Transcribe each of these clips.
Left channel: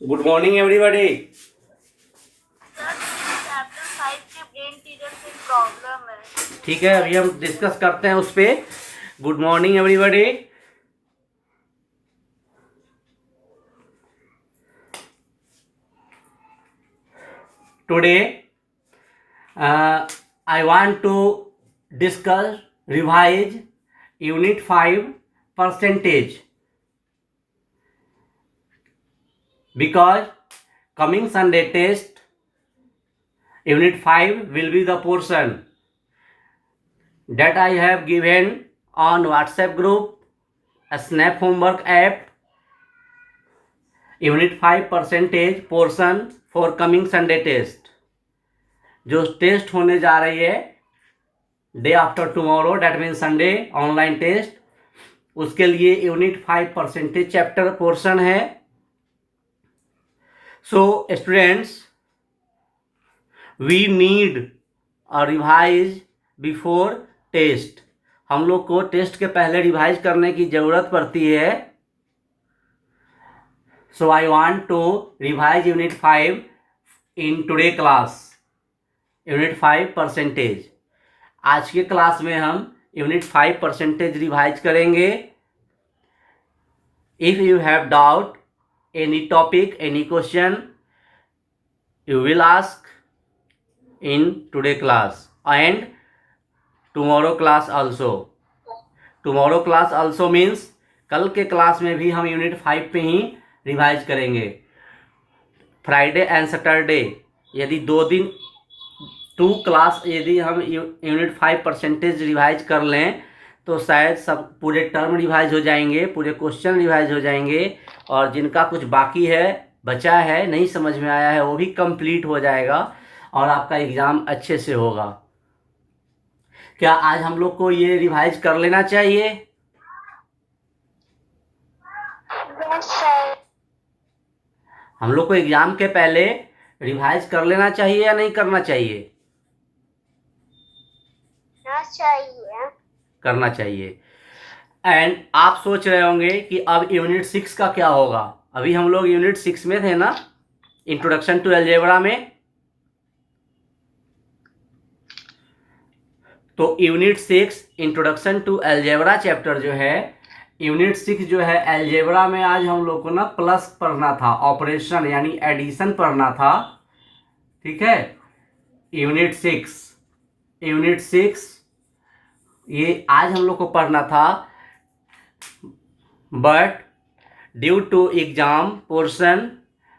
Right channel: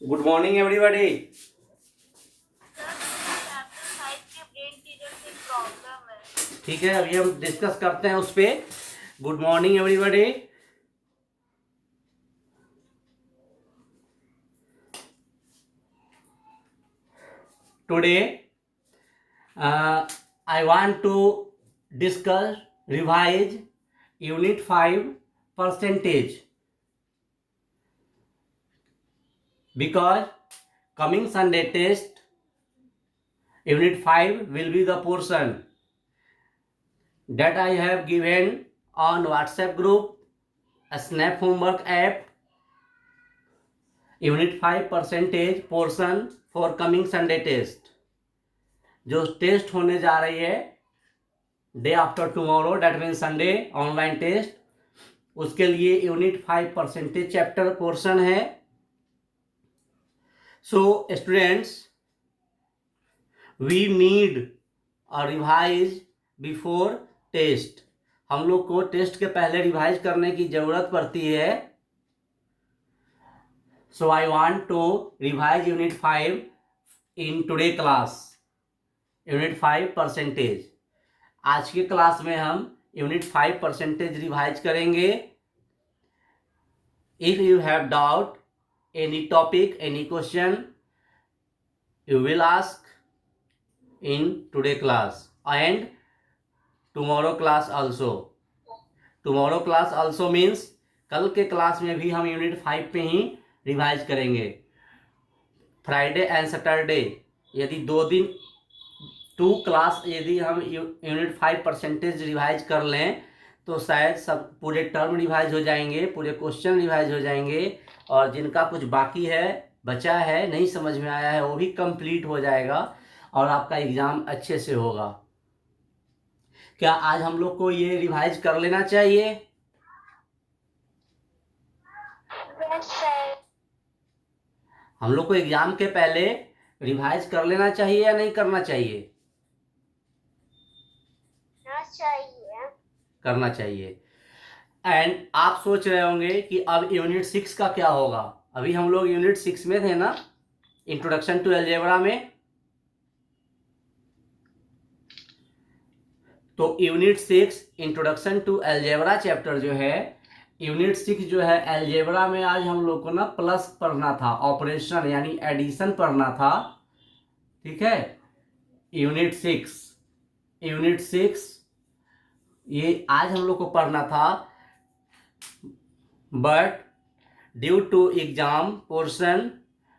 Good morning everybody. Chapter 5 के brain teaser से problem है। ठीक है, अभी हम डिस्कस करते हैं उस पे। Good morning everybody. Today I want to discuss revise unit 5 percentage because coming Sunday test unit 5 will be the portion that I have given on WhatsApp group, a Snap homework app, unit 5 percentage portion for coming Sunday test। जो test होने जा रही है day after tomorrow, that mean Sunday, online test, उसके लिए unit 5 percentage chapter portion है। So students, we need a revise before test. हम लोग को टेस्ट के पहले रिवाइज करने की जरूरत पड़ती है। So I want to revise unit 5 in today class, unit 5 percentage. आज के क्लास में हम यूनिट 5 परसेंटेज रिवाइज करेंगे। If you have doubt any topic, any question, you will ask in today class and tomorrow class also. Tomorrow class also means कल के class में भी हम यूनिट 5 पे ही रिवाइज करेंगे। फ्राइडे एंड सैटरडे यदि 2 दिन 2 क्लास यदि हम यूनिट 5 परसेंटेज रिवाइज कर लें तो शायद सब पूरे टर्म रिवाइज हो जाएंगे, पूरे क्वेश्चन रिवाइज हो जाएंगे, और जिनका कुछ बाकी है, बचा है, नहीं समझ में आया है, वो भी कंप्लीट हो जाएगा और आपका एग्ज़ाम अच्छे से होगा। क्या आज हम लोग को ये रिवाइज कर लेना चाहिए? हम लोग को एग्ज़ाम के पहले रिवाइज कर लेना चाहिए या नहीं करना चाहिए? करना चाहिए। एंड आप सोच रहे होंगे कि अब यूनिट 6 का क्या होगा। अभी हम लोग यूनिट 6 में थे ना, इंट्रोडक्शन टू अलजेब्रा में। तो unit 6 introduction to algebra chapter जो है, यूनिट 6 जो है अलजेब्रा में, आज हम लोग को ना प्लस पढ़ना था, ऑपरेशन यानी एडिशन पढ़ना था। ठीक है, यूनिट 6 ये आज हम लोग को पढ़ना था, but due to exam portion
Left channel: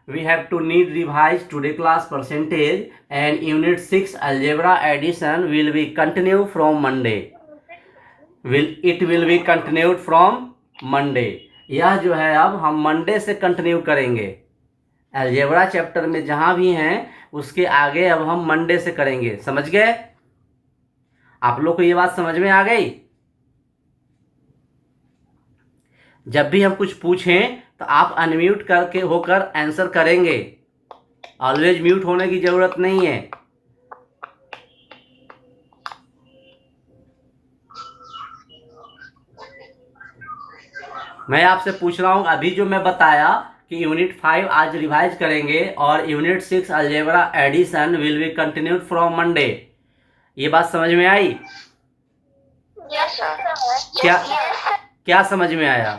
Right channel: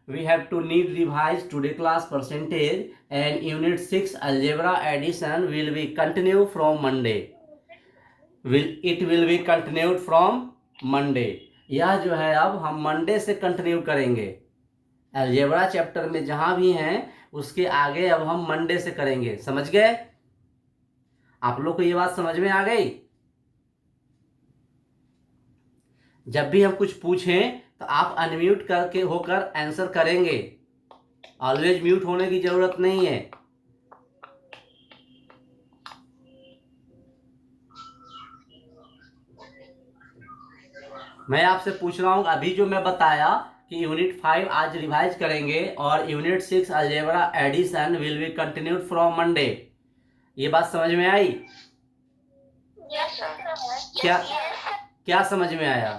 we have to need revise today class percentage, and unit 6 algebra addition will be continue from Monday। it will be continued from Monday। यह जो है अब हम मंडे से कंटिन्यू करेंगे। अलजेब्रा चैप्टर में जहां भी हैं उसके आगे अब हम मंडे से करेंगे। समझ गए? आप लोग को ये बात समझ में आ गई? जब भी हम कुछ पूछें तो आप अनम्यूट करके होकर आंसर करेंगे। ऑलवेज म्यूट होने की जरूरत नहीं है। मैं आपसे पूछ रहा हूं, अभी जो मैं बताया कि यूनिट 5 आज रिवाइज करेंगे और unit 6 algebra addition will be continued from Monday, ये बात समझ में आई? Yes sir. क्या क्या समझ में आया?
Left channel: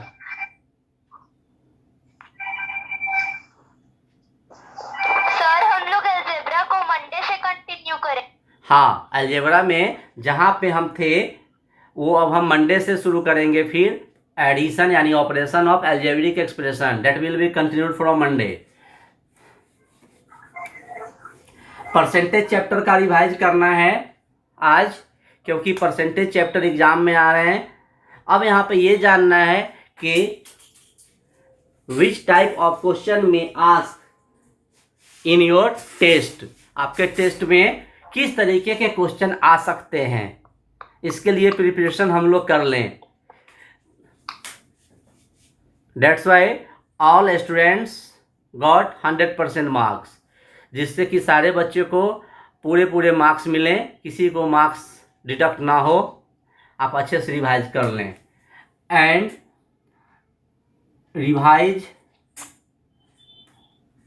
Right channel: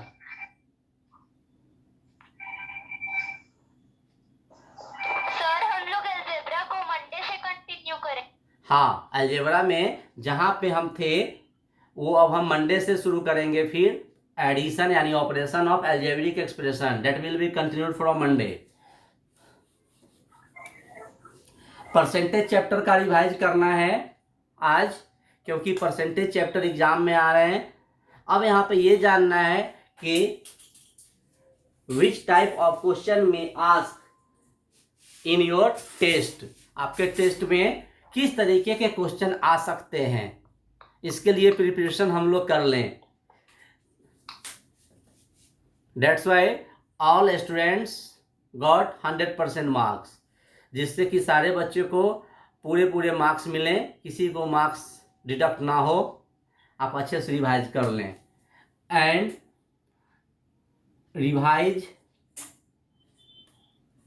सर हम लोग अलजेब्रा को मंडे से कंटिन्यू करें। हाँ, अलजेब्रा में जहां पे हम थे वो अब हम मंडे से शुरू करेंगे। फिर एडिशन यानी operation of algebraic expression, that will be continued from Monday. Percentage chapter का रिवाइज करना है आज, क्योंकि परसेंटेज चैप्टर एग्जाम में आ रहे हैं। अब यहाँ पे ये जानना है कि विच टाइप ऑफ क्वेश्चन में आस्क इन योर टेस्ट, आपके टेस्ट में किस तरीके के क्वेश्चन आ सकते हैं, इसके लिए प्रिपरेशन हम लोग कर लें। That's why all students got 100% marks, जिससे कि सारे बच्चे को पूरे मार्क्स मिलें, किसी को मार्क्स डिडक्ट ना हो। आप अच्छे से रिवाइज कर लें and revise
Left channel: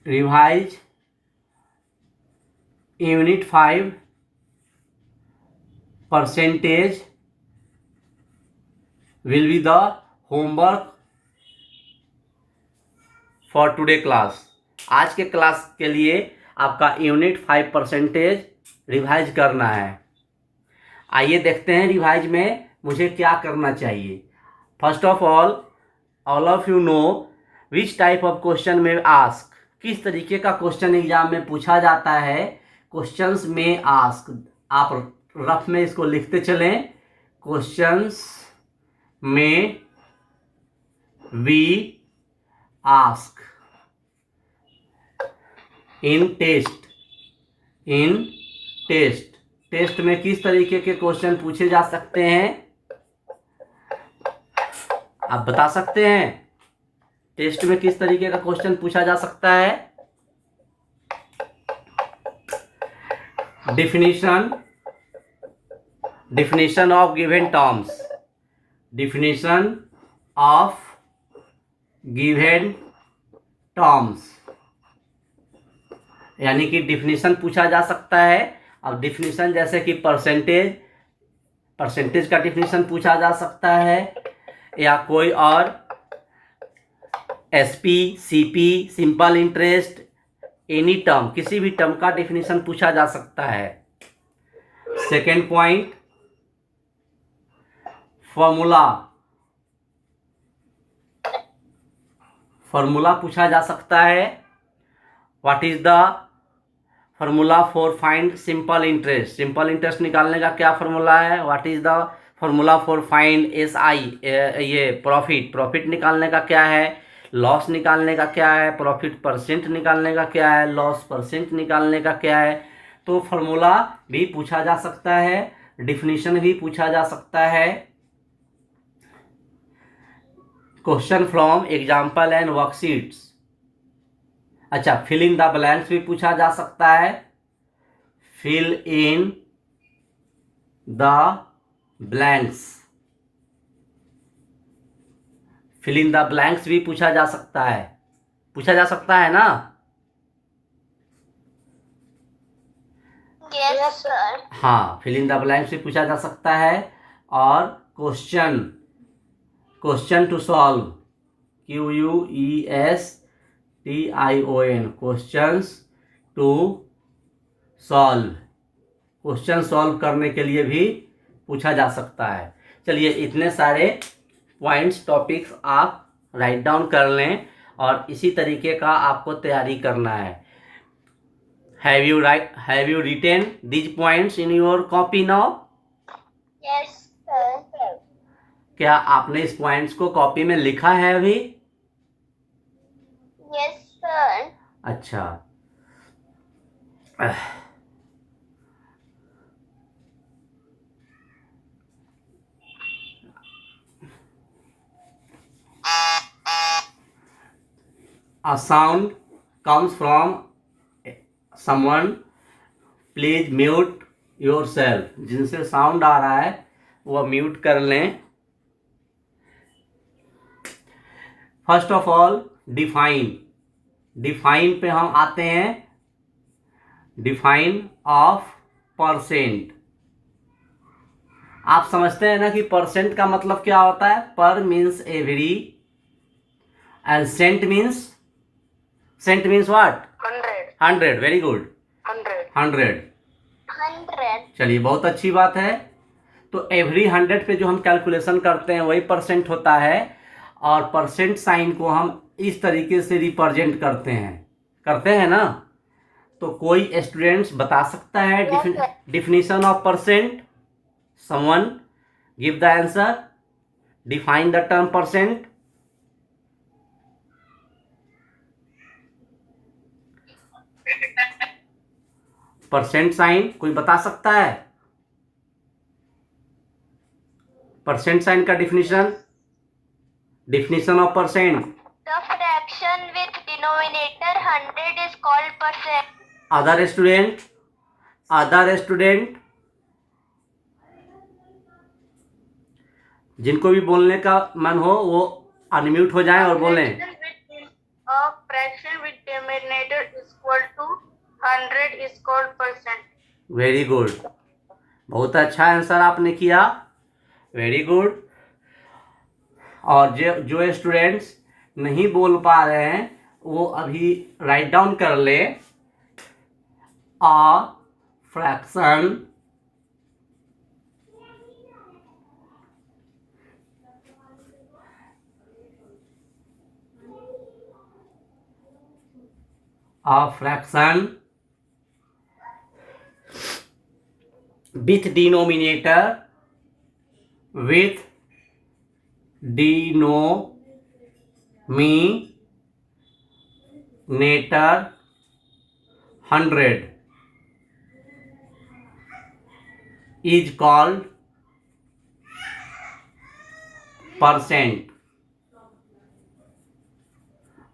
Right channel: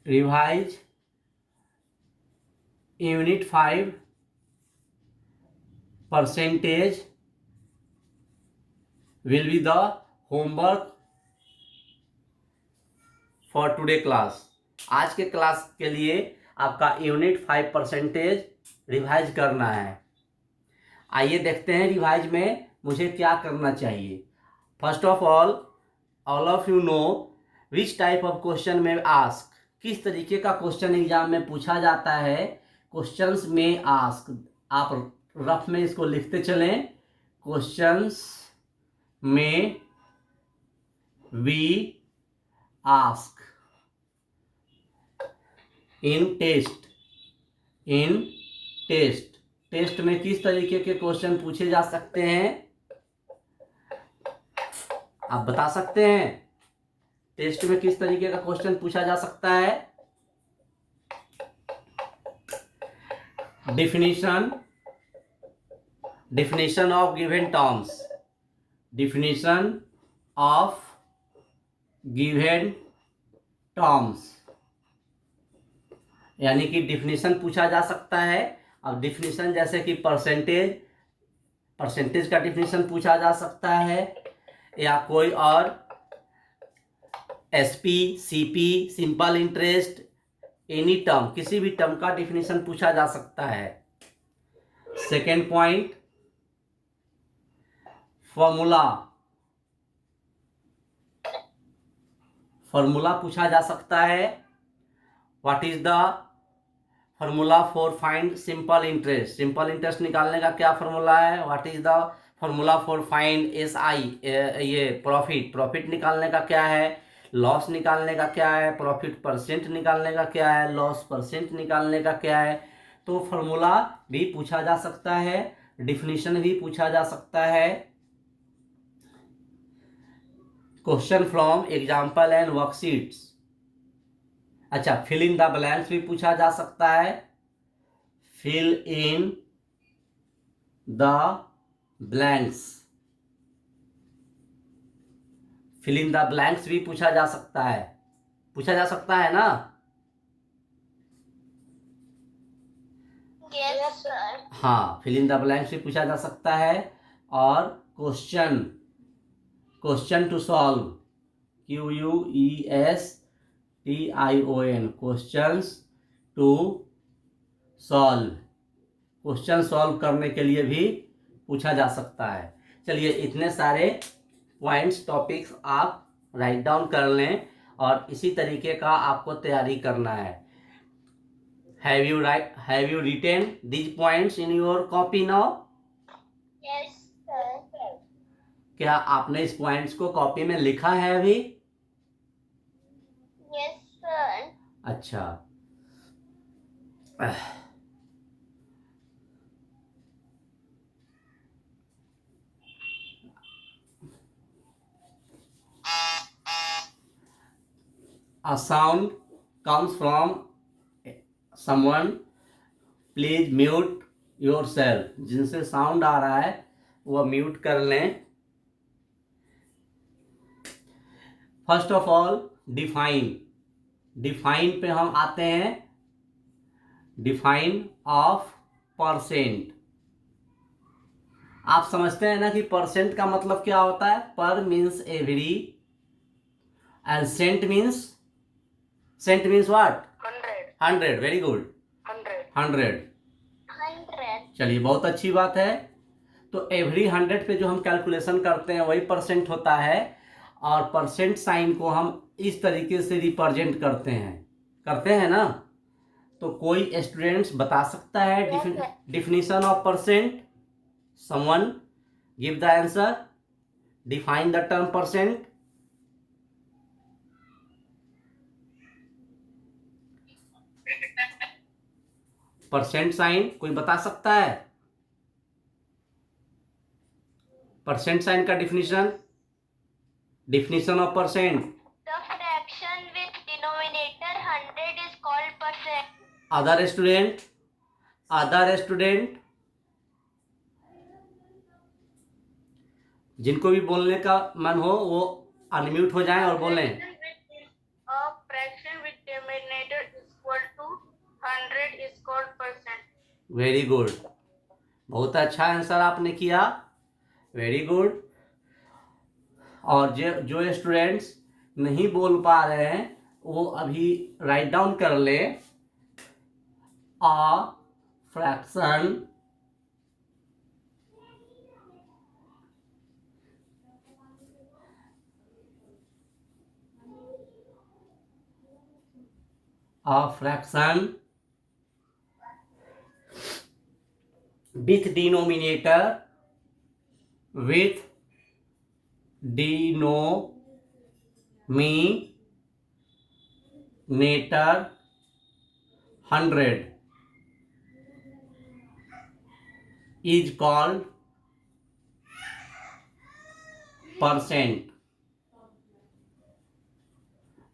revise unit 5 percentage will be the homework for today class. आज के क्लास के लिए आपका यूनिट 5 परसेंटेज रिवाइज करना है। आइए देखते हैं रिवाइज में मुझे क्या करना चाहिए। First of all of you know which type of question में आस्क, किस तरीके का क्वेश्चन एग्जाम में पूछा जाता है। क्वेश्चंस में आस्क, आप रफ में इसको लिखते चलें। क्वेश्चंस में वी आस्क इन टेस्ट में किस तरीके के क्वेश्चन पूछे जा सकते हैं, आप बता सकते हैं। टेस्ट में किस तरीके का क्वेश्चन पूछा जा सकता है। definition of given terms, definition of given terms, यानी कि डिफिनीशन पूछा जा सकता है। अब डिफिनीशन जैसे कि परसेंटेज का डिफिनीशन पूछा जा सकता है, या कोई और SP, CP, simple interest, any term, किसी भी टर्म का डिफिनीशन पूछा जा सकता है। सेकेंड पॉइंट, फॉर्मूला पूछा जा सकता है। What is the formula for find simple interest, simple interest निकालने का क्या फॉर्मूला है। What is the formula for find SI, ये प्रॉफिट निकालने का क्या है। लॉस निकालने का क्या है, प्रॉफिट परसेंट निकालने का क्या है, लॉस परसेंट निकालने का क्या है। तो फॉर्मूला भी पूछा जा सकता है, डिफिनीशन भी पूछा जा सकता है। Question from example and worksheets, अच्छा फिल इन द ब्लैंक्स भी पूछा जा सकता है। Fill in the blanks, fill in the blanks भी पूछा जा सकता है ना। Yes sir. हाँ, फिल इन द ब्लैंक्स भी पूछा जा सकता है। और question to solve, QUESTION, questions to solve, question solve करने के लिए भी पूछा जा सकता है। चलिए इतने सारे पॉइंट्स, टॉपिक्स आप राइट डाउन कर लें और इसी तरीके का आपको तैयारी करना है। Have you written these points in your copy now? Yes sir. क्या आपने इस पॉइंट्स को कॉपी में लिखा है अभी? Yes sir. अच्छा, a sound comes from someone, please mute yourself, जिनसे साउंड आ रहा है वह म्यूट कर लें। फर्स्ट ऑफ ऑल डिफाइन पे हम आते हैं। डिफाइन ऑफ परसेंट, आप समझते हैं ना कि परसेंट का मतलब क्या होता है। Per means every and cent means what? 100। Very good, 100। चलिए बहुत अच्छी बात है। तो एवरी 100 पे जो हम कैलकुलेशन करते हैं वही परसेंट होता है, और परसेंट साइन को हम इस तरीके से रिप्रेजेंट करते हैं ना। तो कोई स्टूडेंट्स बता सकता है definition of percent? Someone give the answer, define the term percent. Percent sign कोई बता सकता है? परसेंट साइन का definition of percent. The fraction with denominator 100 is called percent. Other student जिनको भी बोलने का मन हो वो अनम्यूट हो जाएं और बोलें। A fraction with denominator equal to 100 is called percent. Very good, बहुत अच्छा आंसर आपने किया, वेरी गुड। और जो जो स्टूडेंट्स नहीं बोल पा रहे हैं वो अभी राइट डाउन कर ले। A fraction with denominator denominator 100 is called percent।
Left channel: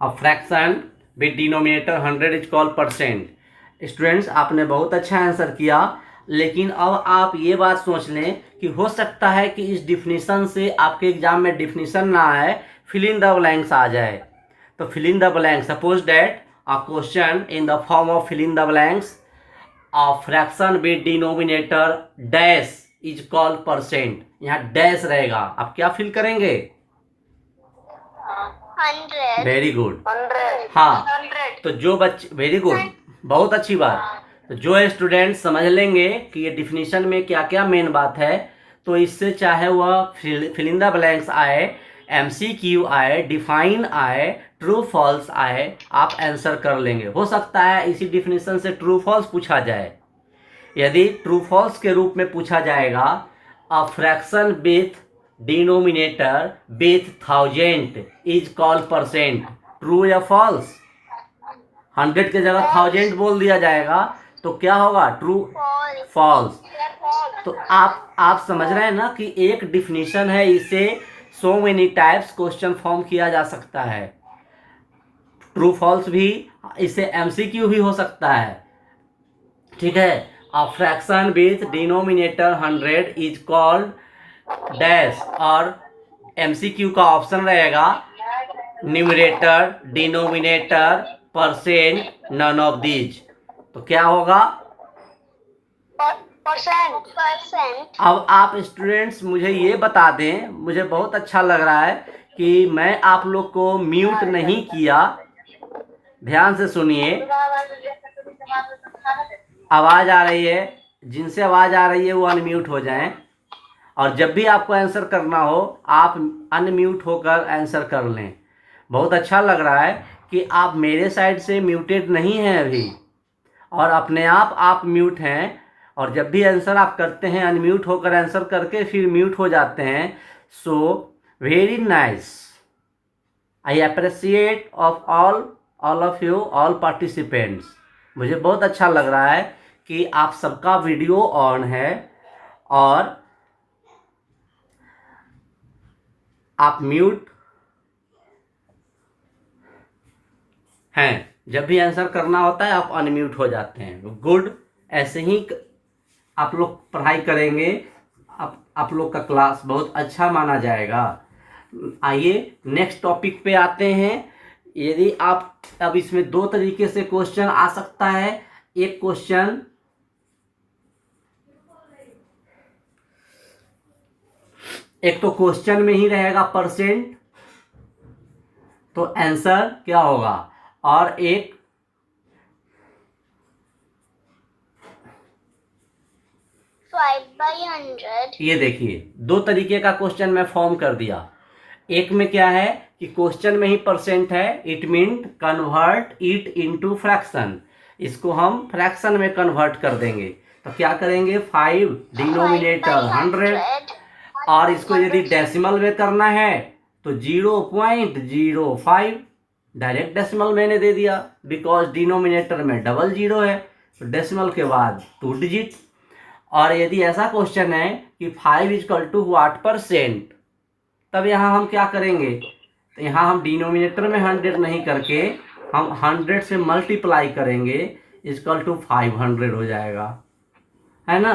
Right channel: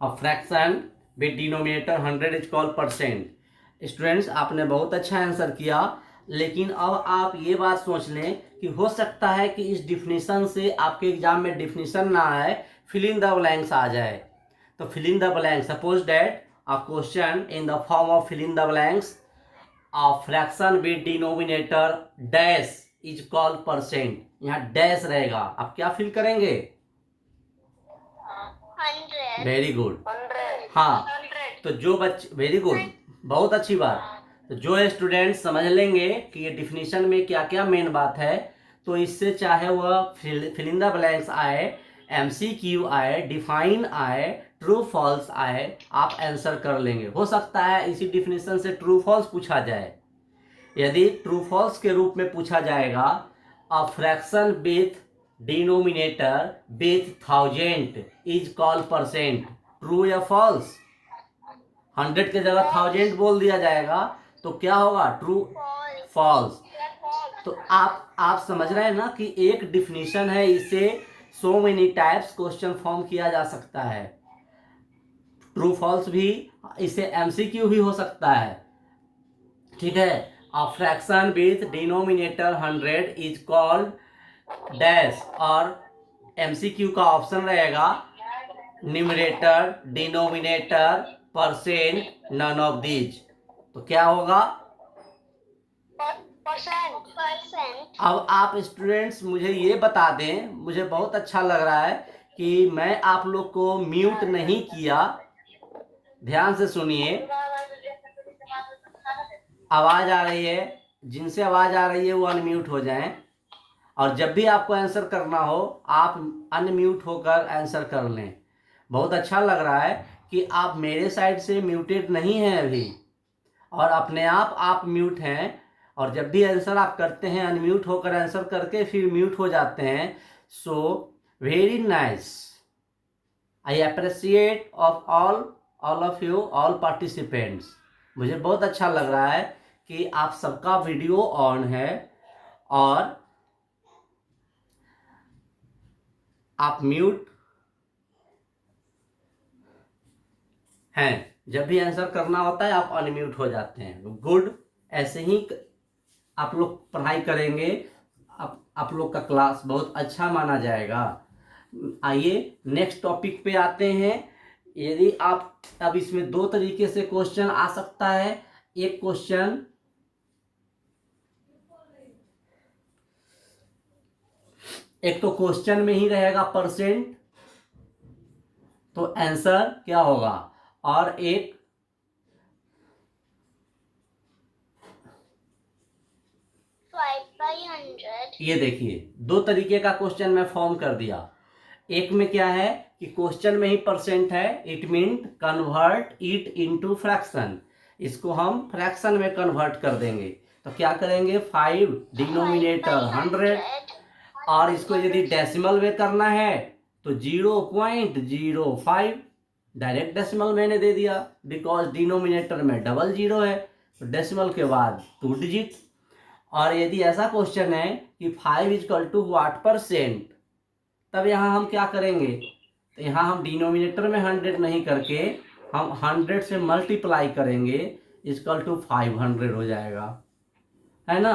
A fraction with denominator 100 is called percent। Students आपने बहुत अच्छा आंसर किया, लेकिन अब आप ये बात सोच लें कि हो सकता है कि इस डिफिनीशन से आपके एग्जाम में डिफिनीशन ना आए, फिल इन द ब्लैंक्स आ जाए। तो fill in the blanks, suppose that a question in the form of fill in the blanks, a fraction with denominator dash is called percent. यहाँ dash रहेगा, आप क्या फिल करेंगे? 100। Very good. 100। हाँ, 100। तो जो बच्चे, वेरी गुड, बहुत अच्छी बात। तो जो स्टूडेंट समझ लेंगे कि ये डिफिनीशन में क्या क्या मेन बात है, तो इससे चाहे वह फिल इन द ब्लैंक्स आए, एमसीक्यू आए, डिफाइन आए, ट्रू फॉल्स आए, आप आंसर कर लेंगे। हो सकता है इसी डिफिनीशन से ट्रू फॉल्स पूछा जाए। यदि ट्रू फॉल्स के रूप में पूछा जाएगा, अ fraction with denominator with 1000 is called percent, true या फॉल्स? 100 के जगह 1000 बोल दिया जाएगा तो क्या होगा? True, false. तो आप समझ रहे हैं ना कि एक डिफिनीशन है, इसे so many types question form किया जा सकता है। ट्रू फॉल्स भी, इसे एमसीक्यू भी हो सकता है, ठीक है। A fraction with denominator 100 is called dash, और एमसीक्यू का ऑप्शन रहेगा numerator, denominator, percent, none of these. तो क्या होगा? परसेंट। अब आप स्टूडेंट्स मुझे ये बता दें, मुझे बहुत अच्छा लग रहा है कि मैं आप लोग को म्यूट नहीं किया। ध्यान से सुनिए, आवाज आ रही है, जिनसे आवाज आ रही है वो अनम्यूट हो जाएं, और जब भी आपको आंसर करना हो आप अनम्यूट होकर आंसर कर लें। बहुत अच्छा लग रहा है कि आप मेरे साइड से म्यूटेड नहीं हैं अभी, और अपने आप म्यूट हैं, और जब भी आंसर आप करते हैं अनम्यूट होकर आंसर करके फिर म्यूट हो जाते हैं। So very nice, I appreciate of all of you, all participants. मुझे बहुत अच्छा लग रहा है कि आप सबका वीडियो ऑन है और आप म्यूट हैं। जब भी आंसर करना होता है आप अनम्यूट हो जाते हैं। गुड, ऐसे ही आप लोग पढ़ाई करेंगे, आप लोग का क्लास बहुत अच्छा माना जाएगा। आइए नेक्स्ट टॉपिक पे आते हैं। यदि आप, अब इसमें दो तरीके से क्वेश्चन आ सकता है। एक क्वेश्चन एक तो क्वेश्चन में ही रहेगा परसेंट, तो आंसर क्या होगा, और एक बाई 100। ये देखिए, दो तरीके का क्वेश्चन मैं फॉर्म कर दिया। एक में क्या है कि क्वेश्चन में ही परसेंट है, it mean convert it into fraction. इसको हम फ्रैक्शन में कन्वर्ट कर देंगे। तो क्या करेंगे, 5 डिनोमिनेटर 100, और इसको यदि डेसिमल में करना है तो 0.05 डायरेक्ट डेसिमल मैंने दे दिया, बिकॉज डिनोमिनेटर में डबल जीरो है, तो डेसिमल के बाद 2 डिजिट। और यदि ऐसा क्वेश्चन है कि 5 इजकल टू व्हाट परसेंट, तब यहाँ हम क्या करेंगे, तो यहाँ हम डिनोमिनेटर में 100 नहीं करके हम 100 से मल्टीप्लाई करेंगे, इजकल टू 500 हो जाएगा, है ना।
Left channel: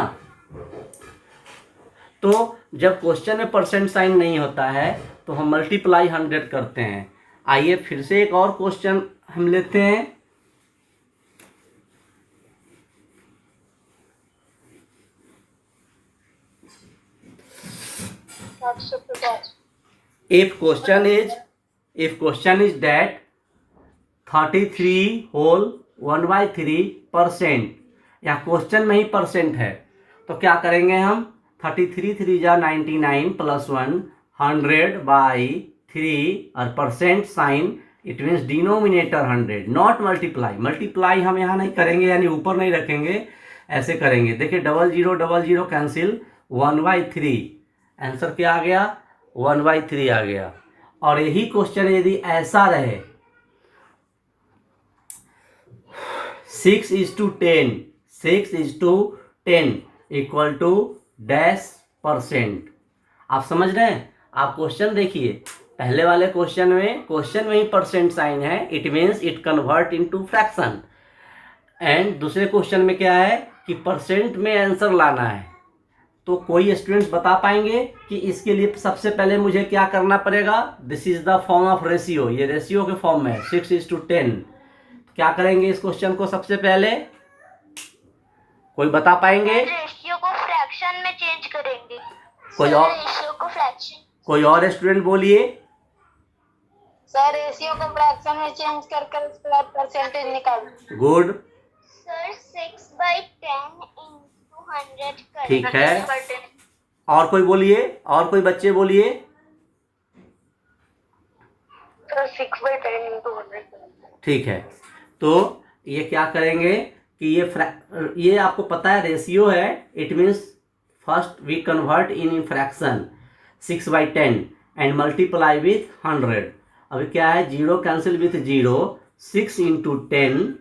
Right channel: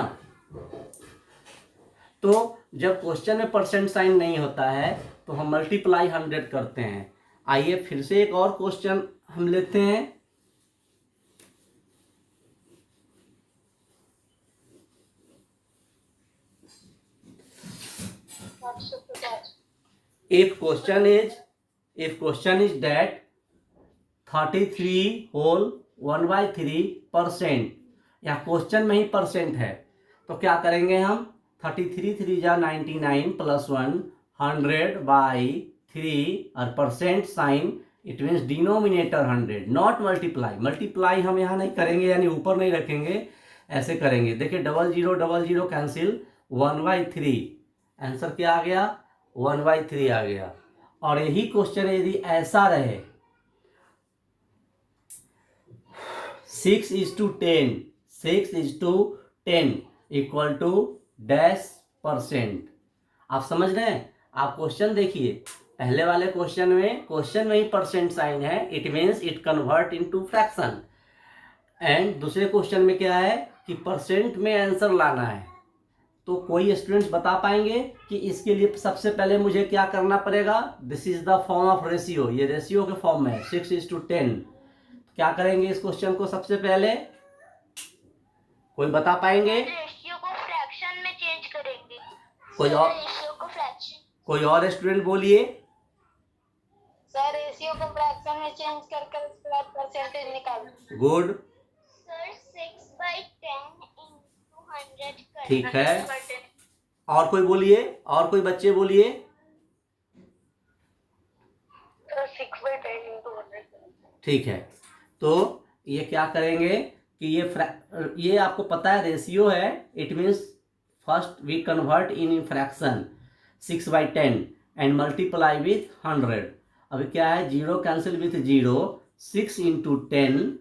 तो जब क्वेश्चन में परसेंट साइन नहीं होता है तो हम मल्टीप्लाई 100 करते हैं। आइए फिर से एक और क्वेश्चन हम लेते हैं। if question is that 33 whole 1/3%, या क्वेश्चन में ही परसेंट है, तो क्या करेंगे हम 33 3 जा 99 प्लस 1 100/3 और percent sign, it means denominator 100, not multiply. Multiply हम यहाँ नहीं करेंगे, यानी ऊपर नहीं रखेंगे, ऐसे करेंगे। देखिए 00 कैंसिल, 1/3, आंसर क्या आ गया 1/3 आ गया। और यही क्वेश्चन यदि ऐसा रहे 6:10, 6:10 इक्वल टू %, आप समझ रहे हैं? आप क्वेश्चन देखिए, पहले वाले क्वेश्चन में ही परसेंट साइन है, it means it convert into fraction. And दूसरे क्वेश्चन में क्या है कि परसेंट में आंसर लाना है। तो कोई स्टूडेंट्स बता पाएंगे कि इसके लिए सबसे पहले मुझे क्या करना पड़ेगा? This is the form of ratio, ये रेशियो के फॉर्म में है 6:10। क्या करेंगे इस क्वेश्चन को? सबसे पहले कोई बता पाएंगे? रेशियो को फ्रैक्शन में चेंज करेंगे। कोई और? रेशियो को फ्रैक्शन। कोई और स्टूडेंट बोलिए। सर रेशियो को फ्रैक्शन में चेंज कर उसका परसेंटेज निकाल। गुड। सर 6/10 into 100 ठीक है। और कोई बोलिए, और कोई बच्चे बोलिए। Sir 6/10 into 100। ठीक है, तो ये क्या करेंगे कि ये आपको पता है रेशियो है, it means first we convert in fraction 6/10 and multiply with 100। अभी क्या है, 0 cancel with 0, 6 into 10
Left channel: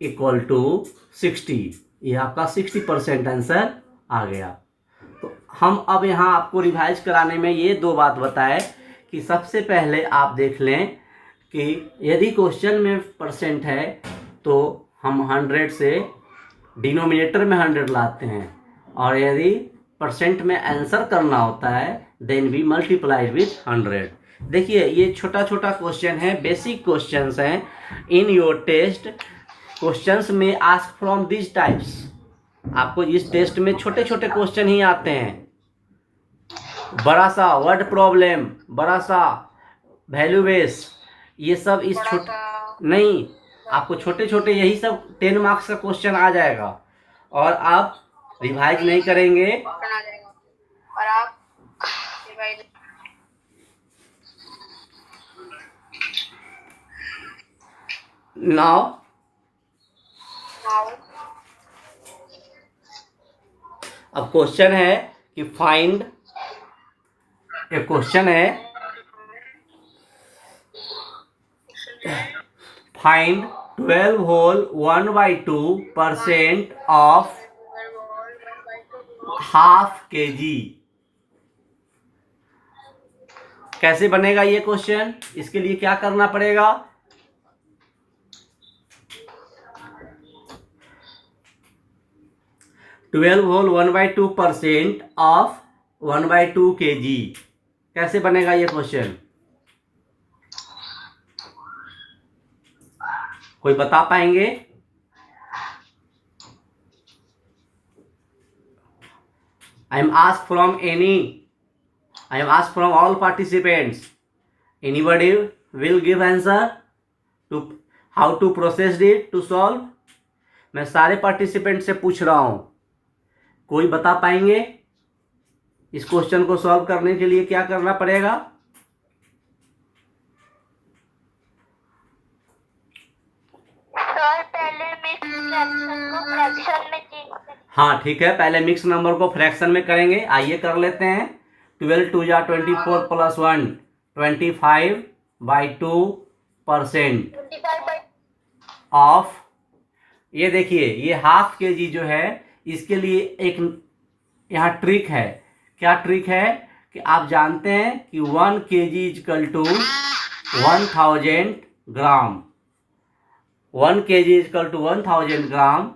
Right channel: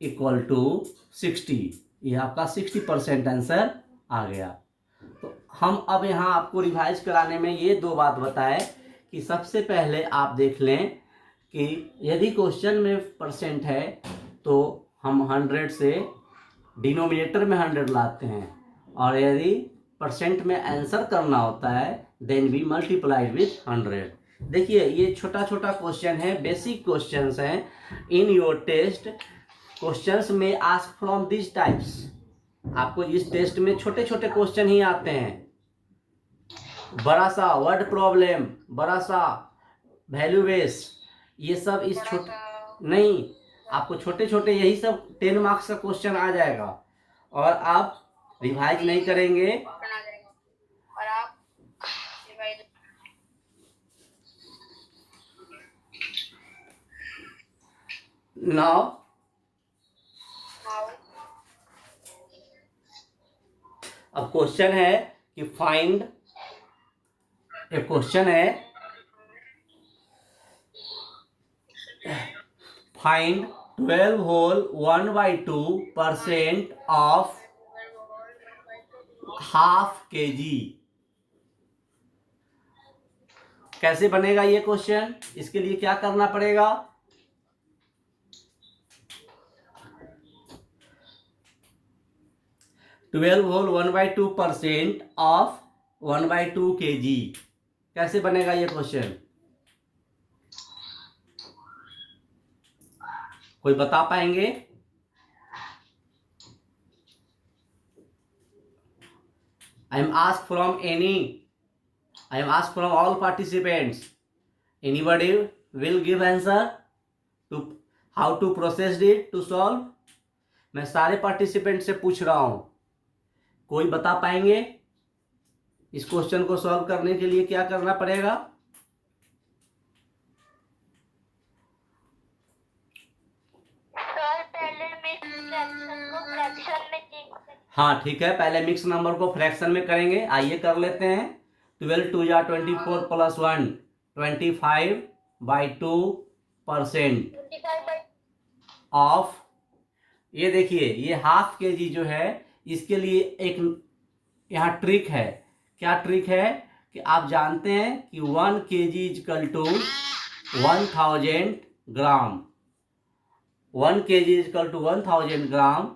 equal to 60। ये आपका 60% आंसर आ गया। तो हम अब यहाँ आपको रिवाइज कराने में ये दो बात बताए कि सबसे पहले आप देख लें कि यदि क्वेश्चन में परसेंट है तो हम 100 से डिनोमिनेटर में 100 लाते हैं, और यदि परसेंट में आंसर करना होता है देन वी मल्टीप्लाई विथ 100। देखिए ये छोटा छोटा क्वेश्चन है, बेसिक क्वेश्चंस हैं। इन योर टेस्ट क्वेश्चंस में आस्क फ्रॉम दिस टाइप्स। आपको इस टेस्ट में छोटे छोटे क्वेश्चन ही आते हैं। बड़ा सा वर्ड प्रॉब्लम, बड़ा सा वैल्यू बेस, ये सब इस छोटे नहीं, आपको छोटे छोटे यही सब 10 मार्क्स का क्वेश्चन आ जाएगा, और आप रिवाइज नहीं करेंगे। और आप नाउ अब क्वेश्चन है कि फाइंड, एक क्वेश्चन है फाइंड 12 होल 1/2% ऑफ ½ kg। कैसे बनेगा ये क्वेश्चन? इसके लिए क्या करना पड़ेगा? Twelve whole 1/2% of 1/2 kg। कैसे बनेगा ये क्वेश्चन? कोई बता पाएंगे? I am asked from all participants. Anybody will give answer to how to process it to solve? मैं सारे पार्टिसिपेंट से पूछ रहा हूं, कोई बता पाएंगे इस क्वेश्चन को सॉल्व करने के लिए क्या करना पड़ेगा? सर पहले फ्रैक्शन को फ्रैक्शन में चेंज करें। हाँ ठीक है, पहले मिक्स नंबर को फ्रैक्शन में करेंगे। आइए कर लेते हैं। 12 2 जा 24 प्लस 1 25/2% ऑफ, ये देखिए ये ½ kg जो है, इसके लिए एक यहाँ ट्रिक है। क्या ट्रिक है कि आप जानते हैं कि 1 kg equal to 1000 gram. 1 kg equal to 1000 gram,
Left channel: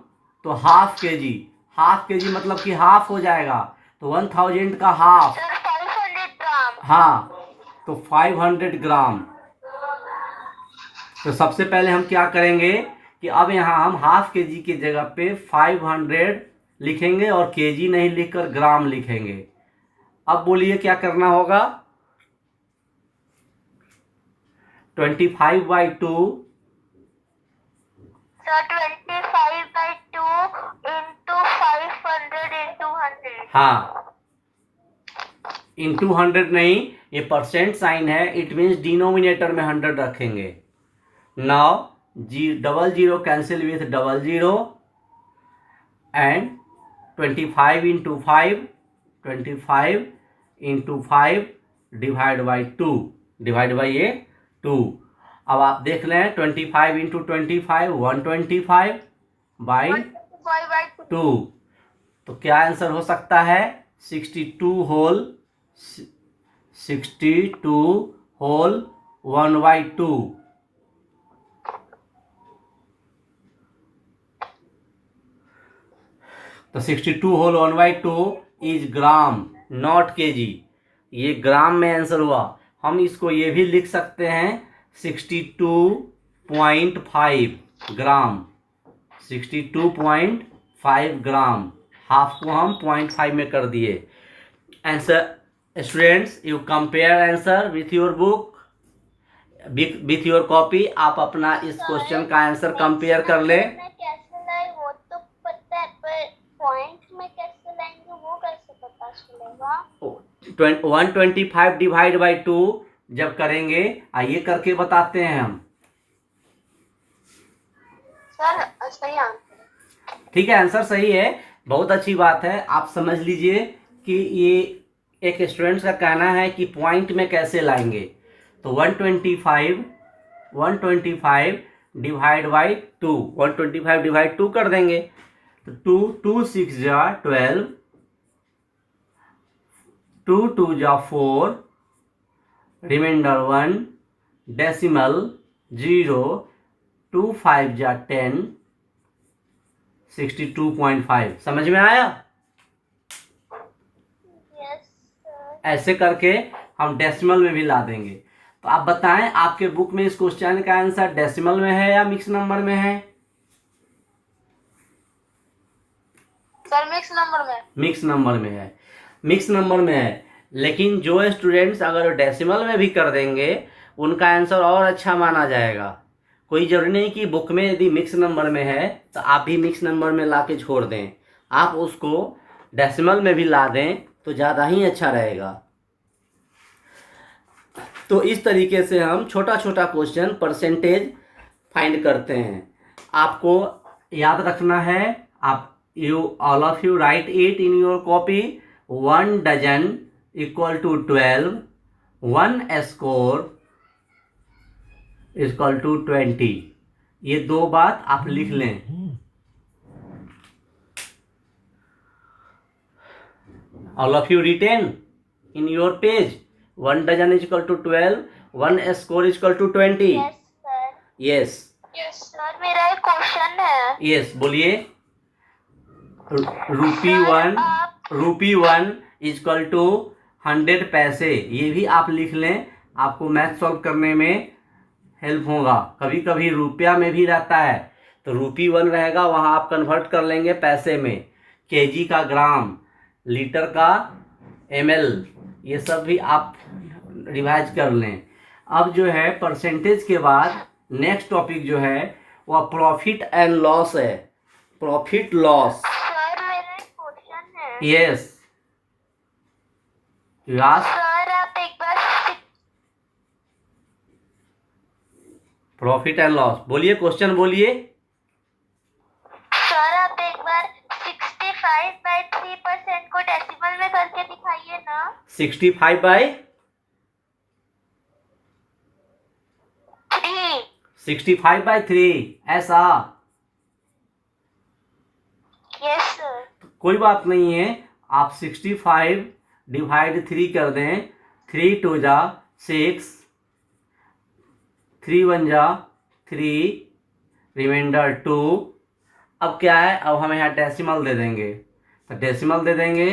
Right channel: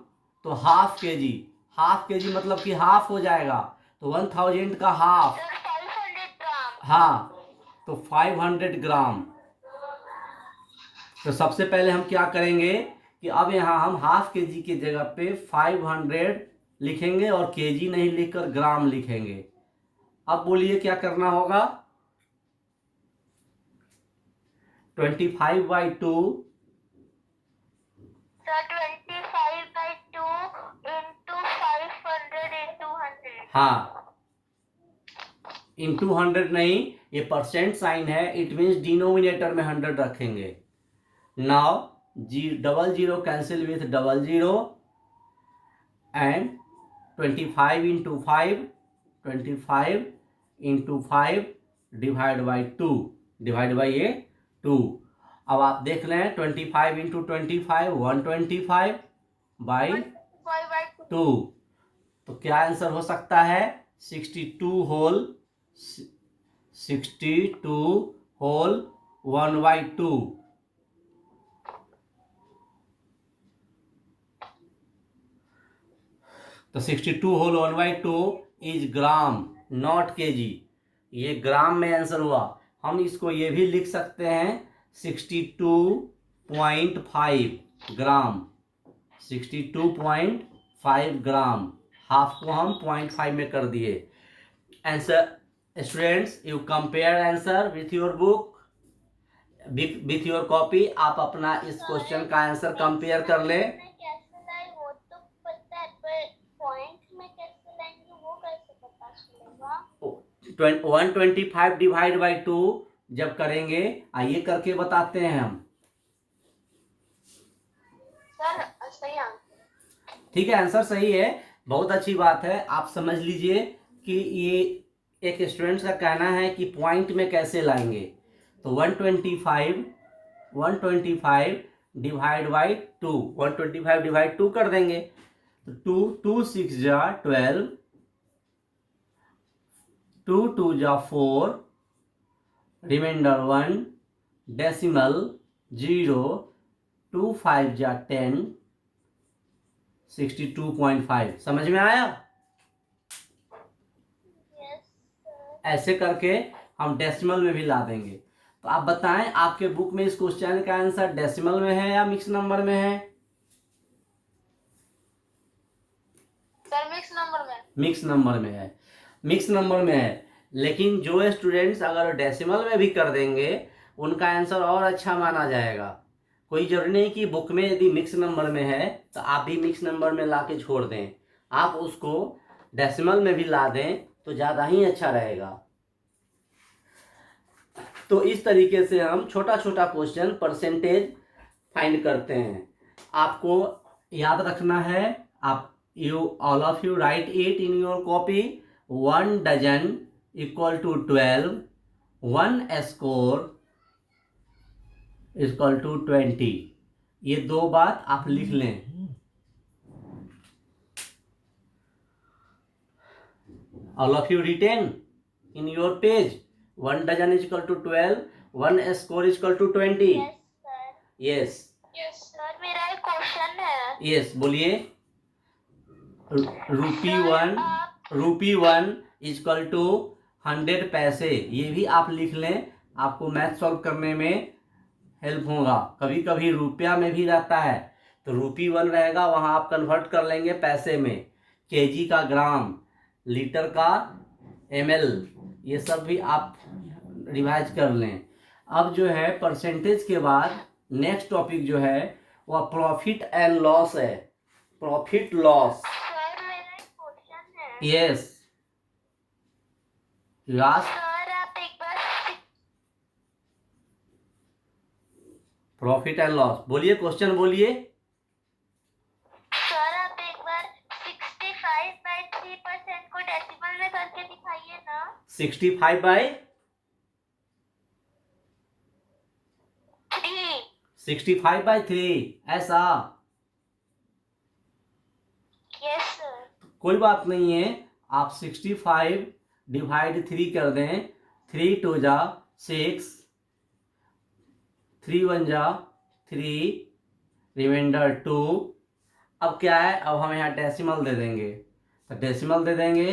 तो ½ kg मतलब कि हाफ हो जाएगा, तो 1000 का हाफ, 500 ग्राम। हाँ तो 500 ग्राम। तो सबसे पहले हम क्या करेंगे कि अब यहाँ हम ½ kg की जगह पे 500 लिखेंगे और kg नहीं लिखकर ग्राम लिखेंगे। अब बोलिए क्या करना होगा? 25/2 सर 25/2 into 500 into 100. हाँ, इंटू 100 नहीं, ये परसेंट साइन है, इट मीन्स डिनोमिनेटर में 100 रखेंगे. Now double zero cancel with double zero and 25 into 5, 25 into 5 divide by 2, divide by ये 2. अब आप देख लें 25 into 25 125 बाई 2. तो क्या आंसर हो सकता है? 62 होल 1/2. तो 62 whole 1/2 is gram, not KG. ये ग्राम में आंसर हुआ. हम इसको ये भी लिख सकते हैं 62.5 ग्राम. 62.5 ग्राम. हाफ को हम 0.5 में कर दिए. Answer students, you compare answer with your book, with your copy. आप अपना इस क्वेश्चन का आंसर कंपेयर कर लें. कैसे लाए वो तो पता है, पर पॉइंट में कैसे लाएंगे वो कैसे पता चलेगा? 125 डिवाइड बाई 2 जब करेंगे, आइए करके बताते हैं हम. सर सही आंसर. ठीक है, आंसर सही है, बहुत अच्छी बात है. आप समझ लीजिए कि ये एक स्टूडेंट का कहना है कि पॉइंट में कैसे लाएंगे. तो 125 डिवाइड बाई 2, 125 डिवाइड 2 कर देंगे. तो 2 6 जा 12, 2 2 जा 4, रिमाइंडर 1, डेसिमल 0, 2 5 जा 10, 62.5. समझ में आया? ऐसे करके हम डेसिमल में भी ला देंगे. तो आप बताएं, आपके बुक में इस क्वेश्चन का आंसर डेसिमल में है या मिक्स नंबर में है? सर मिक्स नंबर में. मिक्स नंबर में है. मिक्स नंबर में है, लेकिन जो स्टूडेंट्स अगर डेसिमल में भी कर देंगे उनका आंसर और अच्छा माना जाएगा. कोई जरूरी नहीं कि बुक में यदि मिक्स नंबर में है तो आप भी मिक्स नंबर में ला के छोड़ दें. आप उसको डेसिमल में भी ला दें तो ज़्यादा ही अच्छा रहेगा. तो इस तरीके से हम छोटा छोटा क्वेश्चन परसेंटेज फाइंड करते हैं. आपको याद रखना है, आप all of you write it in your copy. 1 dozen equal to 12, 1 score equal to 20. ये दो बात आप लिख लें. All of you written in your page. 1 dozen is equal to 12, 1 score is equal to 20. Yes sir. Yes. Yes sir, मेरा एक question है. Yes, बोलिए. Rupee one is equal to 100 पैसे. ये भी आप लिख लें, आपको मैथ सॉल्व करने में हेल्प होगा. कभी कभी रुपया में भी रहता है, तो रुपी 1 रहेगा, वहाँ आप कन्वर्ट कर लेंगे पैसे में. केजी का ग्राम, लीटर का ml, ये सब भी आप रिवाइज कर लें. अब जो है परसेंटेज के बाद नेक्स्ट टॉपिक जो है वह प्रॉफिट एंड लॉस है. Profit loss. सर मेरा एक क्वेश्चन है. यस, सर आप एक बार प्रॉफिट एंड लॉस बोलिए, क्वेश्चन बोलिए. सर आप एक बार 65/3% को डेसिमल में करके दिखाइए ना. 65/3. 65/3 ऐसा. Yes sir. कोई बात नहीं है, आप 65 डिवाइड 3 कर दें. 3 2 जा 6, 3 1 जा 3, रिमाइंडर 2. अब क्या है, अब हम यहाँ डेसिमल दे देंगे. तो डेसिमल दे देंगे.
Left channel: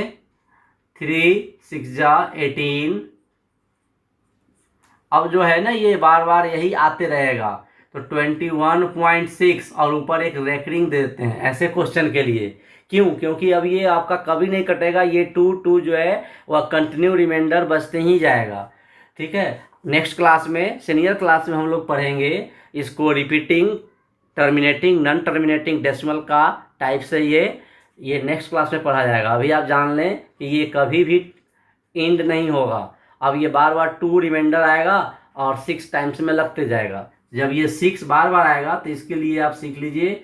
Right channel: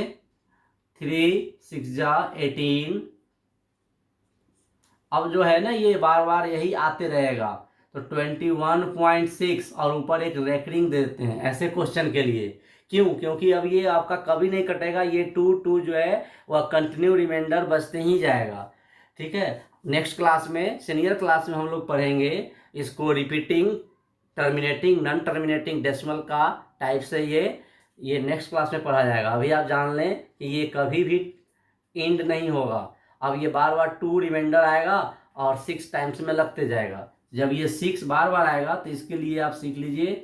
3 6 जा 18. अब जो है ना, ये बार बार यही आते रहेगा, तो 21.6 और ऊपर एक रेकरिंग दे देते हैं ऐसे क्वेश्चन के लिए. क्यों? क्योंकि अब ये आपका कभी नहीं कटेगा. ये 2 2 जो है वह कंटिन्यू रिमाइंडर बचते ही जाएगा. ठीक है. नेक्स्ट क्लास में, सीनियर क्लास में हम लोग पढ़ेंगे इसको, repeating, terminating, non terminating decimal का टाइप से ये नेक्स्ट क्लास में पढ़ा जाएगा। अभी आप जान लें कि ये कभी भी एंड नहीं होगा। अब ये बार बार 2 रिमाइंडर आएगा और 6 टाइम्स में लगते जाएगा। जब ये 6 बार बार आएगा तो इसके लिए आप सीख लीजिए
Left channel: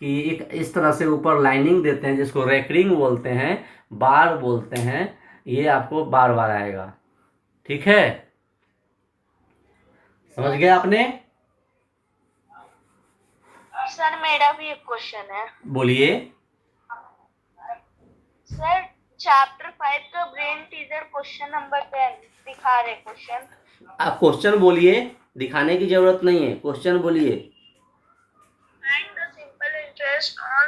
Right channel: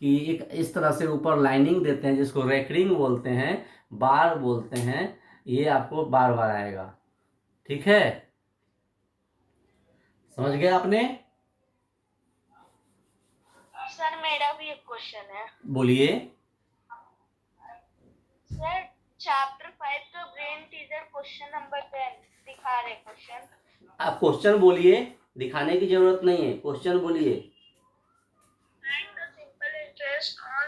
कि एक इस तरह से ऊपर लाइनिंग देते हैं, जिसको रेकरिंग बोलते हैं, बार बोलते हैं। ये आपको बार बार आएगा। ठीक है, समझ गए आपने? सर मेरा भी एक क्वेश्चन है। बोलिए। सर चैप्टर 5 का ब्रेन टीजर क्वेश्चन नंबर 10 दिखा रहे क्वेश्चन। आप क्वेश्चन बोलिए, दिखाने की जरूरत नहीं है, क्वेश्चन बोलिए। Find the simple interest on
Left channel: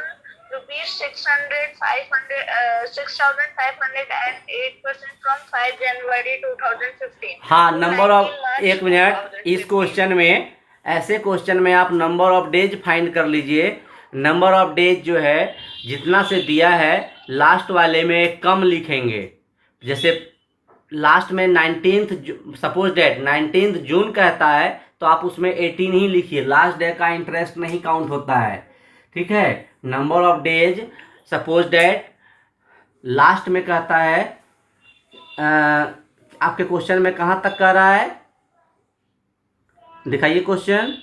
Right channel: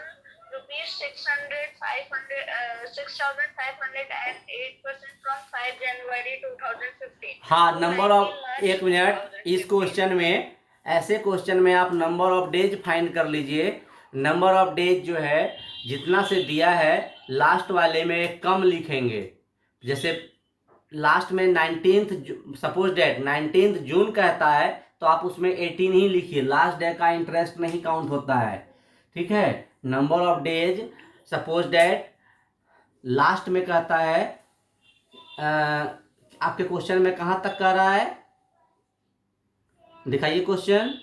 rupees 6,508% from 5 January 2015. हाँ, नंबर ऑफ, एक मिनट, इस क्वेश्चन में, ऐसे क्वेश्चन में आप नंबर ऑफ डेज फाइंड कर लीजिए। नंबर ऑफ डेज जो है जितना से दिया है, लास्ट वाले में कम लिखेंगे। जैसे लास्ट में 19th, सपोज डेट 19th जून कहता है तो आप उसमें 18 ही लिखिए, लास्ट डे का इंटरेस्ट नहीं काउंट होता है। ठीक है, number of days, suppose date last में कहता है, आपके क्वेश्चन में कहाँ तक कह रहा है, दिखाइए क्वेश्चन।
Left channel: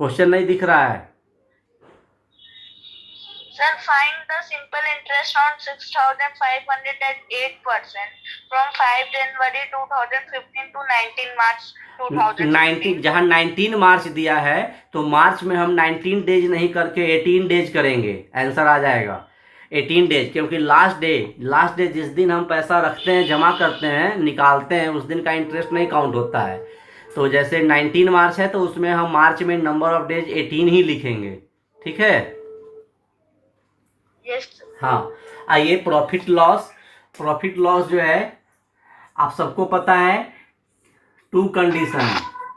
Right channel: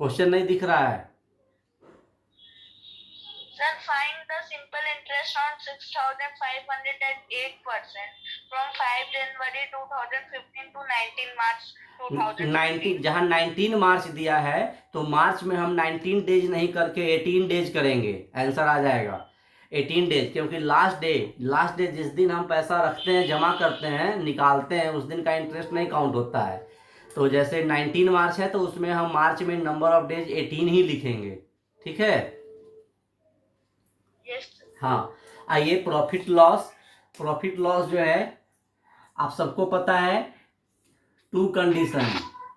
क्वेश्चन नहीं दिख रहा है। Sir, find the simple interest on 6,508% from 5 January 2015 to 19 March 2015. 19, जहाँ 19 मार्च दिया है तो मार्च में हम 19 डेज नहीं करके 18 डेज करेंगे, आंसर आ जाएगा 18 डेज। क्योंकि लास्ट डे जिस दिन हम पैसा रखते हैं, जमा करते हैं, निकालते हैं, उस दिन का इंटरेस्ट नहीं काउंट होता है। तो जैसे 19 मार्च है तो उसमें हम मार्च में नंबर ऑफ डेज 18 ही लिखेंगे। ठीक है, Yes. हाँ। आइए, प्रॉफिट लॉस जो है आप सबको पता है, 2 condition,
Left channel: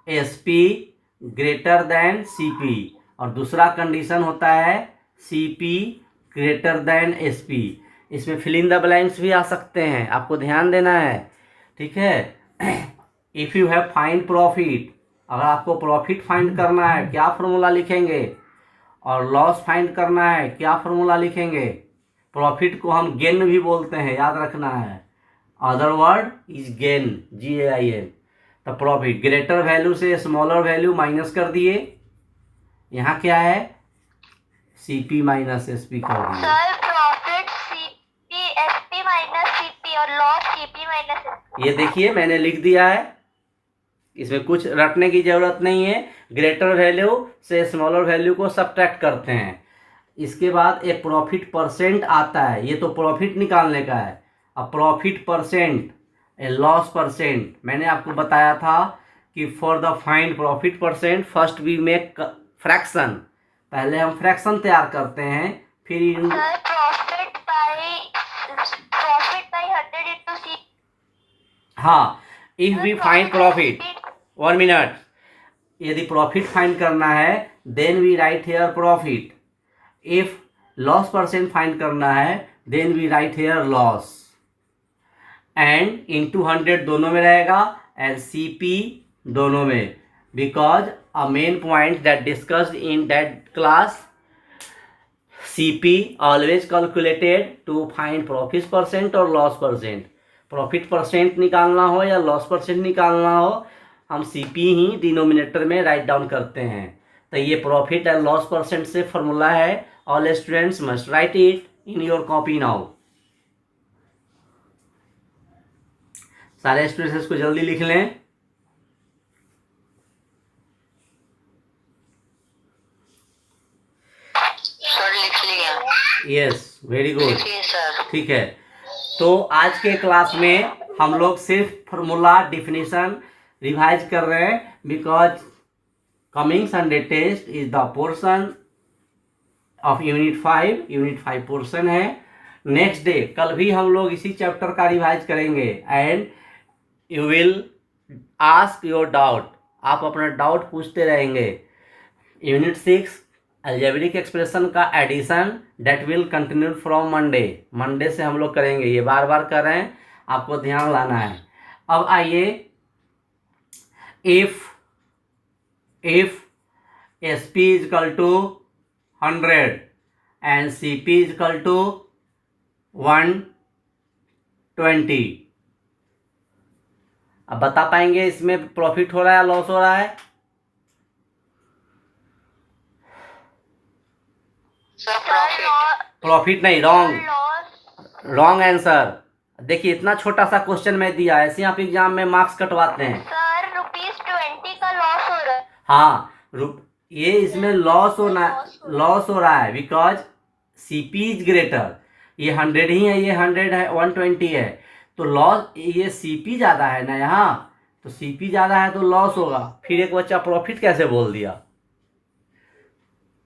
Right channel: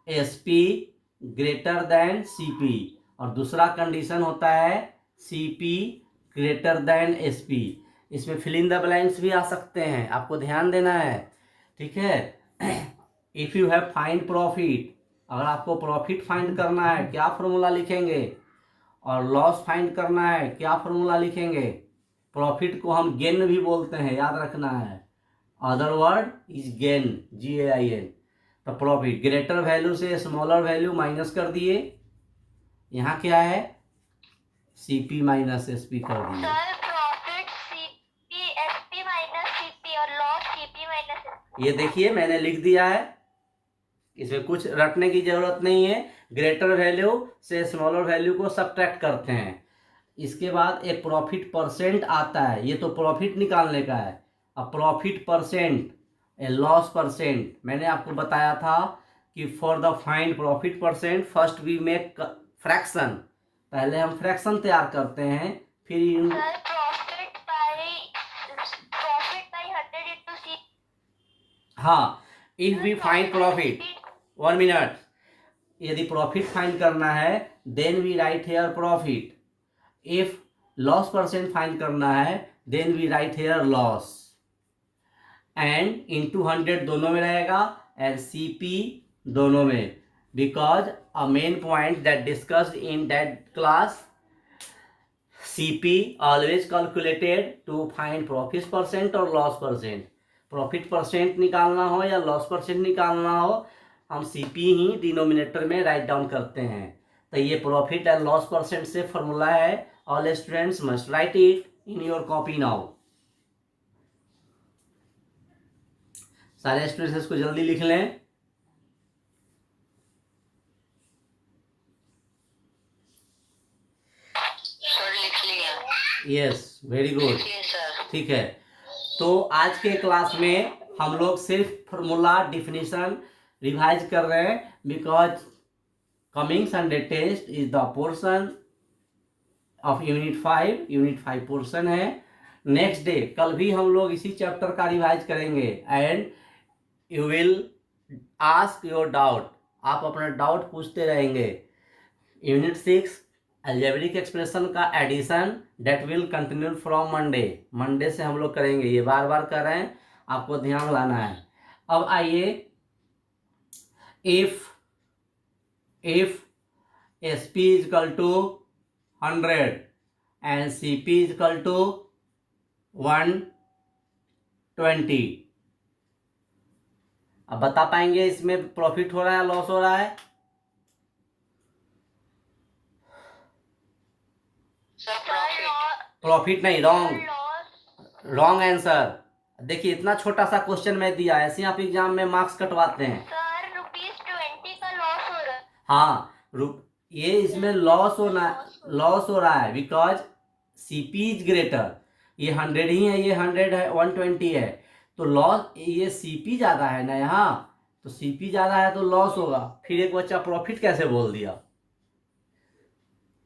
SP greater than CP, और दूसरा कंडीशन होता है सीपी ग्रेटर देन एसपी। इसमें फिल इन द ब्लैंक्स भी आ सकते हैं, आपको ध्यान देना है। ठीक है, if you have find profit, अगर आपको प्रॉफिट फाइंड करना है क्या फॉर्मूला लिखेंगे, और लॉस फाइंड करना है क्या फॉर्मूला लिखेंगे। प्रॉफिट को हम गेन भी बोलते हैं, याद रखना है, other word is gain, GAIN। तो प्रॉफिट, ग्रेटर वैल्यू से स्मॉलर वैल्यू माइनस कर दिए, यहाँ क्या है, CP माइनस SP कर दिए। Sir, profit CP minus CP और loss CP minus SP. ये देखिए मैंने लिख दिया है, इसमें कुछ रटने की जरूरत नहीं है। ग्रेटर वैल्यू से स्मॉलर वैल्यू को सब्ट्रैक्ट करते हैं। इसके बाद एक प्रॉफिट परसेंट आता है, ये तो प्रॉफिट निकालने का है। अब profit percent, a loss percent, मैंने आपको बताया था कि for the find profit percent first we make fraction, पहले हम फ्रैक्शन तैयार करते हैं, फिर Sir, profit by 100 into C. हाँ, if we find profit, 1 minute, यदि प्रॉफिट फाइंड करना है then we write here profit, if loss percent find करना है then we write here loss, and into 100 दोनों में रहेगा, एंड CP दोनों में, because a main point that discussed in that class, CP always calculated to find profit percent और loss percent। Profit percent निकालना हो या लॉस परसेंट निकालना हो, हम CP ही डिनोमिनेटर में राइट डाउन करते हैं। तो ये प्रॉफिट एंड लॉस परसेंट से फॉर्मूला है। All students must write it in your copy now. सारे स्टूडेंट्स इसको जल्दी लिख लें। सर लिख लिया। Yes, very good. लिखिए सर। ठीक है, तो आज के क्लास में हम लोग सिर्फ फॉर्मूला डिफिनीशन रिवाइज कर रहे हैं, because coming Sunday test is the portion of unit 5 portion है। नेक्स्ट डे, कल भी हम लोग इसी चैप्टर का रिवाइज करेंगे, and you will ask your doubt, आप अपना डाउट पूछते रहेंगे। यूनिट 6 अलजेब्रिक एक्सप्रेशन का addition that will continue from Monday. Monday से हम लोग करेंगे, ये बार बार कर रहे हैं, आपको ध्यान लाना है। अब आइए, if SP is equal to 100 and CP is equal to 120, अब बता पाएंगे इसमें प्रॉफिट हो रहा है लॉस हो रहा है? प्रॉफिट नहीं, रॉन्ग आंसर। देखिए इतना छोटा सा क्वेश्चन मैं दिया, ऐसे आप एग्जाम में मार्क्स कटवाते हैं। सर ₹20 का लॉस हो रहा है। हाँ, ये इसमें लॉस हो रहा है बिकॉज सीपी इज ग्रेटर। ये 100 ही है, ये 100 है, 120 है, तो लॉस, ये सीपी ज़्यादा है ना यहाँ, तो सीपी ज़्यादा है तो लॉस होगा। फिर एक बच्चा प्रॉफिट कैसे बोल दिया?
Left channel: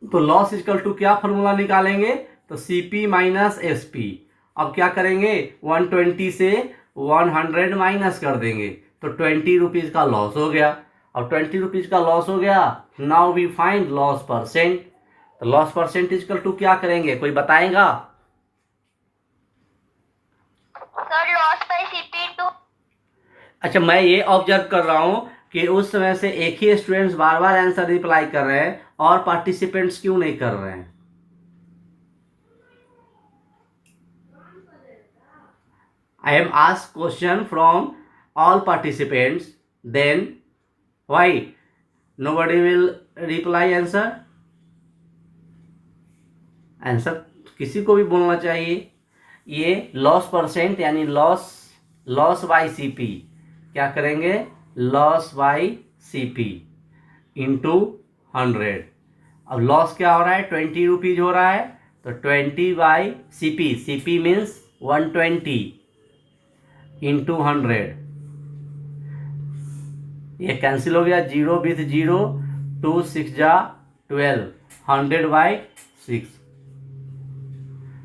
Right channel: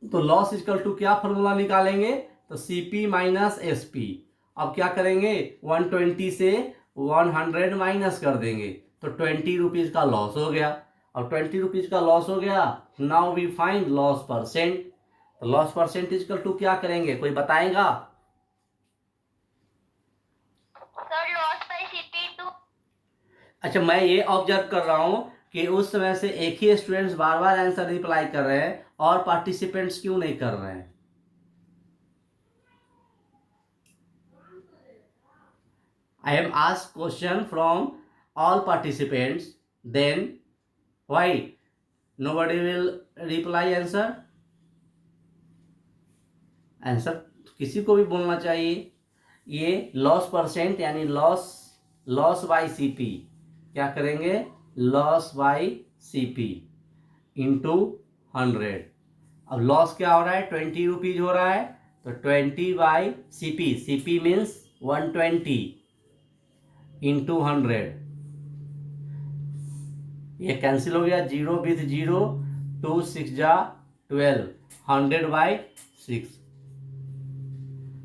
तो लॉस इक्वल टू क्या फॉर्मूला निकालेंगे? तो सीपी माइनस एसपी। अब क्या करेंगे, 120 से 100 माइनस कर देंगे, तो 20 रुपीज़ का लॉस हो गया। और 20 रुपीज़ का लॉस हो गया, now we find loss percent. तो लॉस परसेंट इक्वल टू क्या करेंगे, कोई बताएगा? Sir loss by CP two. अच्छा, मैं ये ऑब्जर्व कर रहा हूँ कि उस समय से एक ही स्टूडेंट्स बार बार आंसर रिप्लाई कर रहे हैं और पार्टिसिपेंट्स क्यों नहीं कर रहे हैं? I am asked question from all participants, then why nobody will reply answer? Answer किसी को भी बोलना चाहिए। ये लॉस परसेंट यानी लॉस बाय सीपी, क्या करेंगे, लॉस बाय सीपी इंटू 100। अब लॉस क्या हो रहा है, 20 रुपीज हो रहा है, तो 20 bye CP, CP means 120 into 100, ये कैंसिल हो गया, 0 विथ 0, 2 6 जा 12, 100 बाई 6।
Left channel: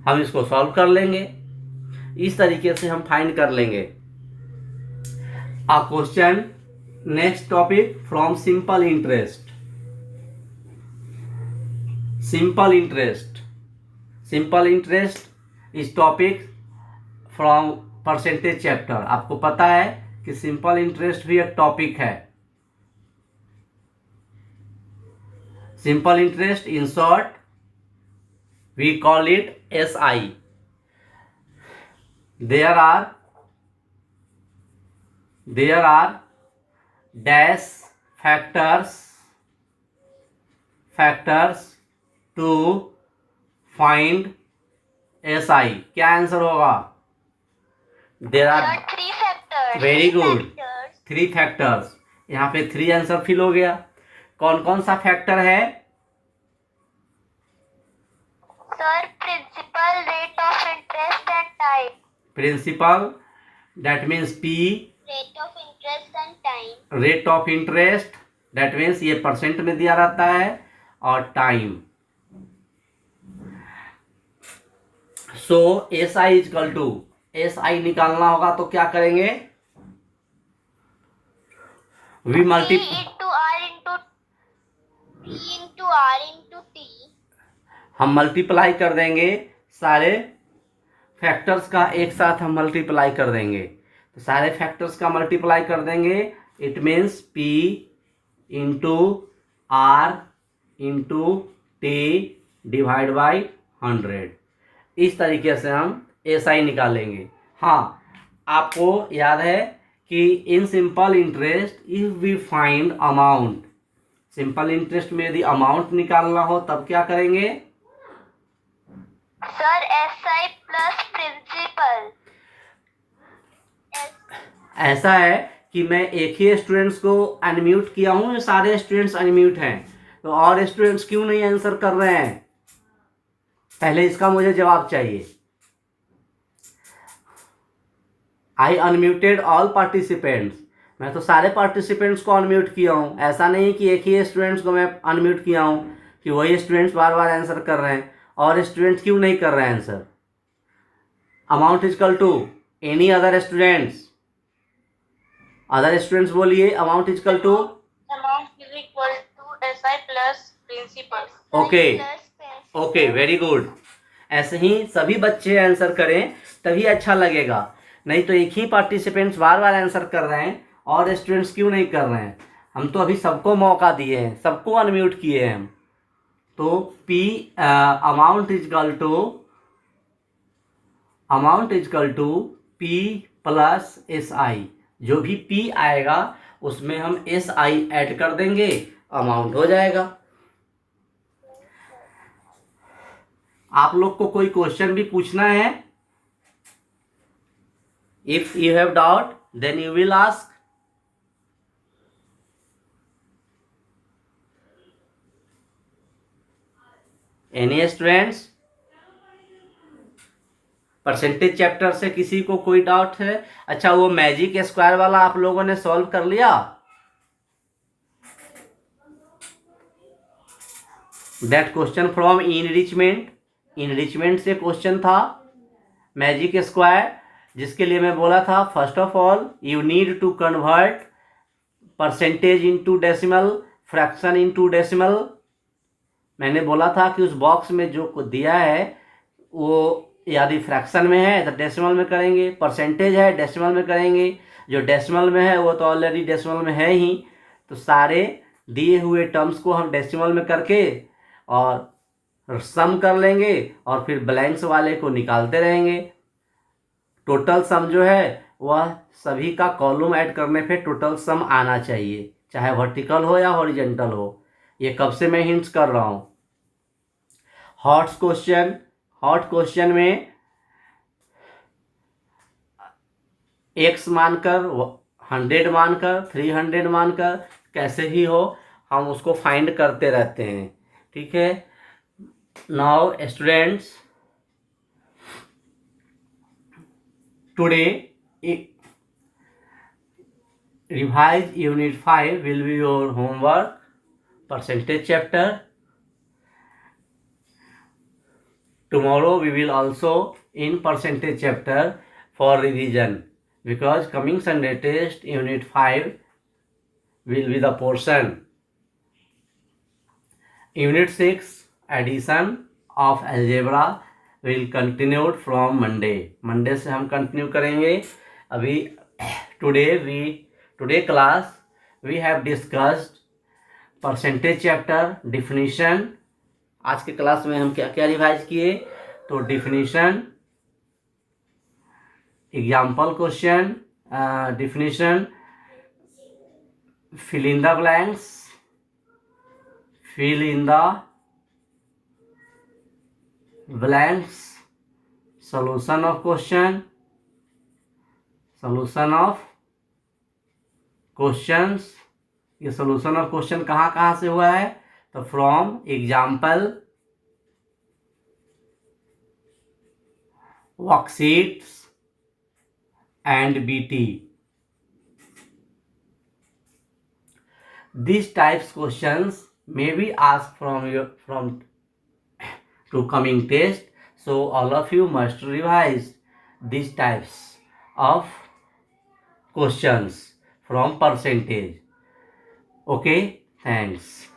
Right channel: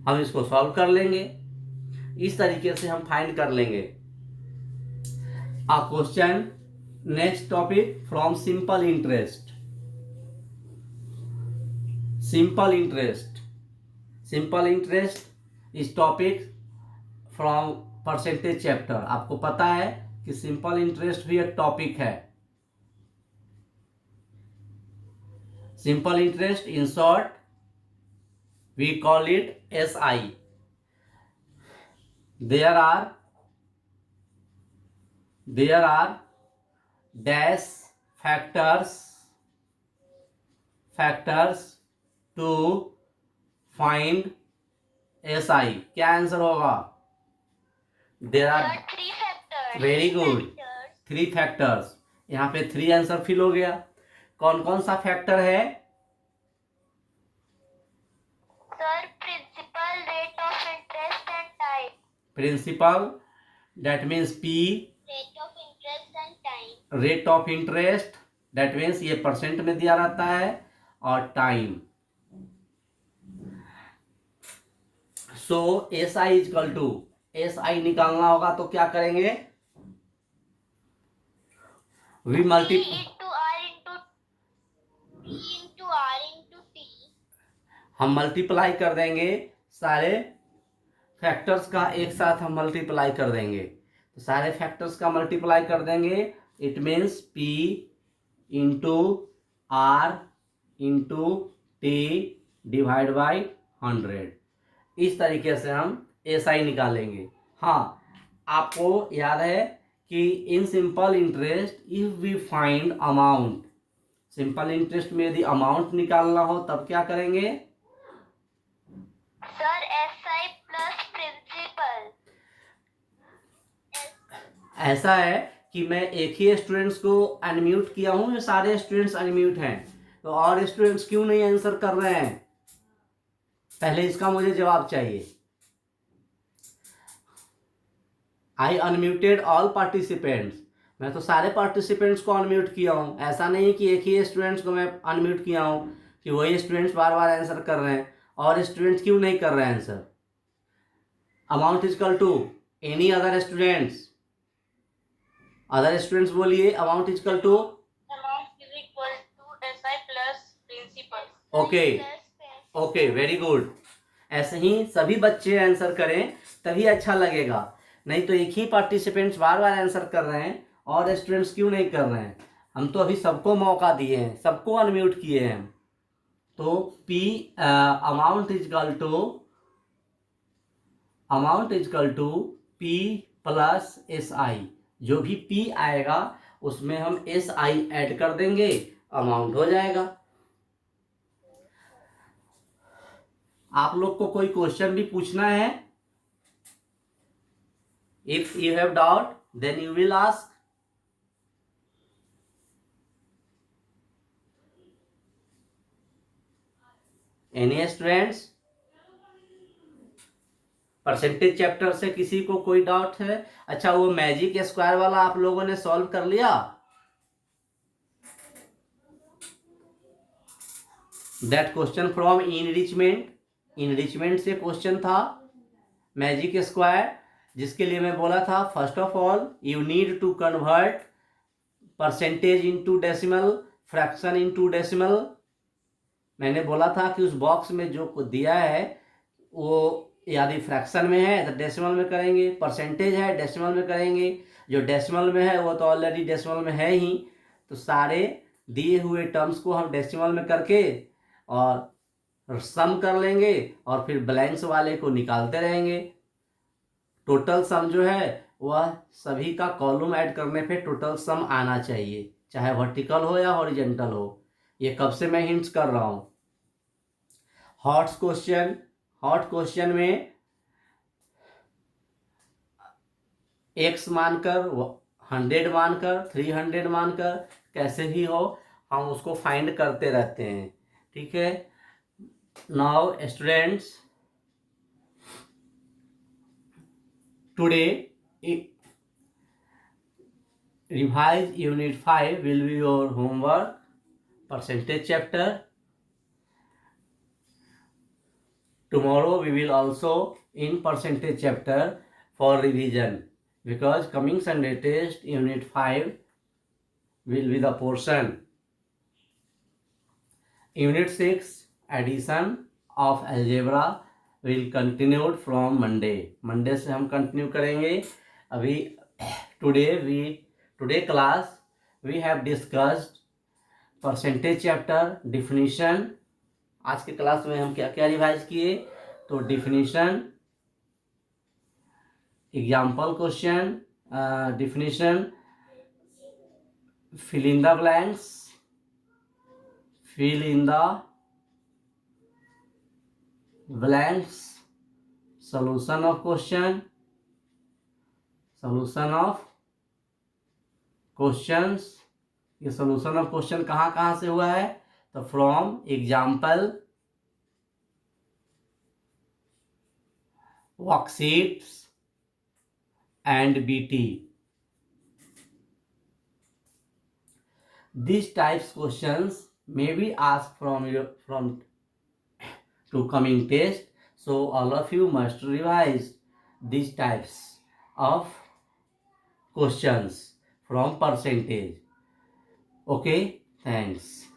हम इसको सॉल्व कर लेंगे, इस तरीके से हम फाइंड कर लेंगे। A question, next topic from simple interest. Simple interest इस टॉपिक फ्रॉम परसेंटेज चैप्टर। आपको पता है कि सिंपल इंटरेस्ट भी एक टॉपिक है। Simple interest in short we call it SI. There are dash factors to find SI. क्या answer होगा? There are 3 factors. Very good, 3 factors. यहाँ पे 3 आंसर फिल हो गया। कौन कौन सा फैक्टर है? Sir principal, rate of interest and time. Principal that means P, rate of interest and time. Rate of interest that means ये परसेंट में दिया रहता है, और time. So SI is equal to, SI निकालना होगा तो क्या करेंगे, वी मल्टीप्लाई, हम मल्टीप्लाई कर देंगे सारे फैक्टर्स का, एक साथ हम मल्टीप्लाई कर देंगे। तो सारे फैक्टर्स का मल्टीप्लाई कर देंगे, it means P into R into T divide by 100। इस तरीके से हम SI निकालेंगे। हाँ, आपको याद है कि in simple interest if we find amount, simple interest में यदि अमाउंट निकालना हो तब क्या करेंगे? Sir SI plus principal. ऐसा है कि मैं एक ही स्टूडेंट्स को अनम्यूट किया हूँ, ये सारे स्टूडेंट्स अनम्यूट हैं, तो और स्टूडेंट्स क्यों नहीं आंसर कर रहे हैं? पहले इसका मुझे जवाब चाहिए। आई अनम्यूटेड ऑल पार्टिसिपेंट्स, मैं तो सारे पार्टिसिपेंट्स को अनम्यूट किया हूँ। ऐसा नहीं कि एक ही स्टूडेंट्स को मैं अनम्यूट किया हूँ कि वही स्टूडेंट्स बार बार आंसर कर रहे हैं, और स्टूडेंट्स क्यों नहीं कर रहे हैं answer? Amount equal to any other students, other students बोलिए, amount equal to, amount is equal to SI plus principal. Okay plus कैसे? Okay, very good. ऐसे ही सभी बच्चे आंसर करें तभी अच्छा लगेगा, नहीं तो एक ही पार्टिसिपेंट्स बार बार आंसर कर रहे हैं और स्टूडेंट्स क्यों नहीं कर रहे हैं। हम तो अभी सबको मौका दिए हैं, सबको अनम्यूट किए हैं हम। तो P amount is equal to P plus S I. जो भी पी आएगा उसमें हम एस आई ऐड कर देंगे, अमाउंट हो जाएगा। आप लोग को कोई क्वेश्चन भी पूछना है? If you have doubt then you will ask. Any students? Percentage chapter से किसी को कोई डाउट है? अच्छा, वो मैजिक स्क्वायर वाला आप लोगों ने सॉल्व कर लिया? दैट क्वेश्चन फ्रॉम इनरिचमेंट से क्वेश्चन था मैजिक स्क्वायर, जिसके लिए मैं बोला था first of all you need to convert percentage into decimal, fraction into decimal. मैंने बोला था कि उस बॉक्स में जो दिया है वो यदि फ्रैक्शन में है तो डेसिमल में करेंगे, परसेंटेज है डेसिमल में करेंगे, जो डेसिमल में है वो तो ऑलरेडी डेसिमल में है ही। तो सारे दिए हुए टर्म्स को हम डेसिमल में करके और सम कर लेंगे और फिर ब्लैंक्स वाले को निकालते रहेंगे। टोटल सम जो है वह सभी का कॉलम ऐड करने पे टोटल सम आना चाहिए, चाहे वर्टिकल हो या हॉरिजेंटल हो। ये कब से मैं हिंट्स कर रहा हूँ। हॉट क्वेश्चन में एक्स मानकर, 100 मानकर, 300 मानकर, कैसे ही हो हम उसको फाइंड करते रहते हैं। ठीक है, now students, today revise unit 5 will be your homework, percentage chapter. Tomorrow we will also in percentage chapter for revision, because coming Sunday test unit 5 will be the portion. Unit 6 addition of algebra will continue from Monday से हम continue करेंगे। अभी today class we have discussed percentage chapter, definition. आज के class में हम क्या क्या रिवाइज किए? तो definition, example question, definition, fill in the blanks, solution of questions, ये सोल्यूशन ऑफ क्वेश्चन कहाँ कहाँ से हुआ है? तो from example, worksheets and BT. These types questions may be asked from to coming test, so all of you must revise these types of questions from percentage. Okay, thanks.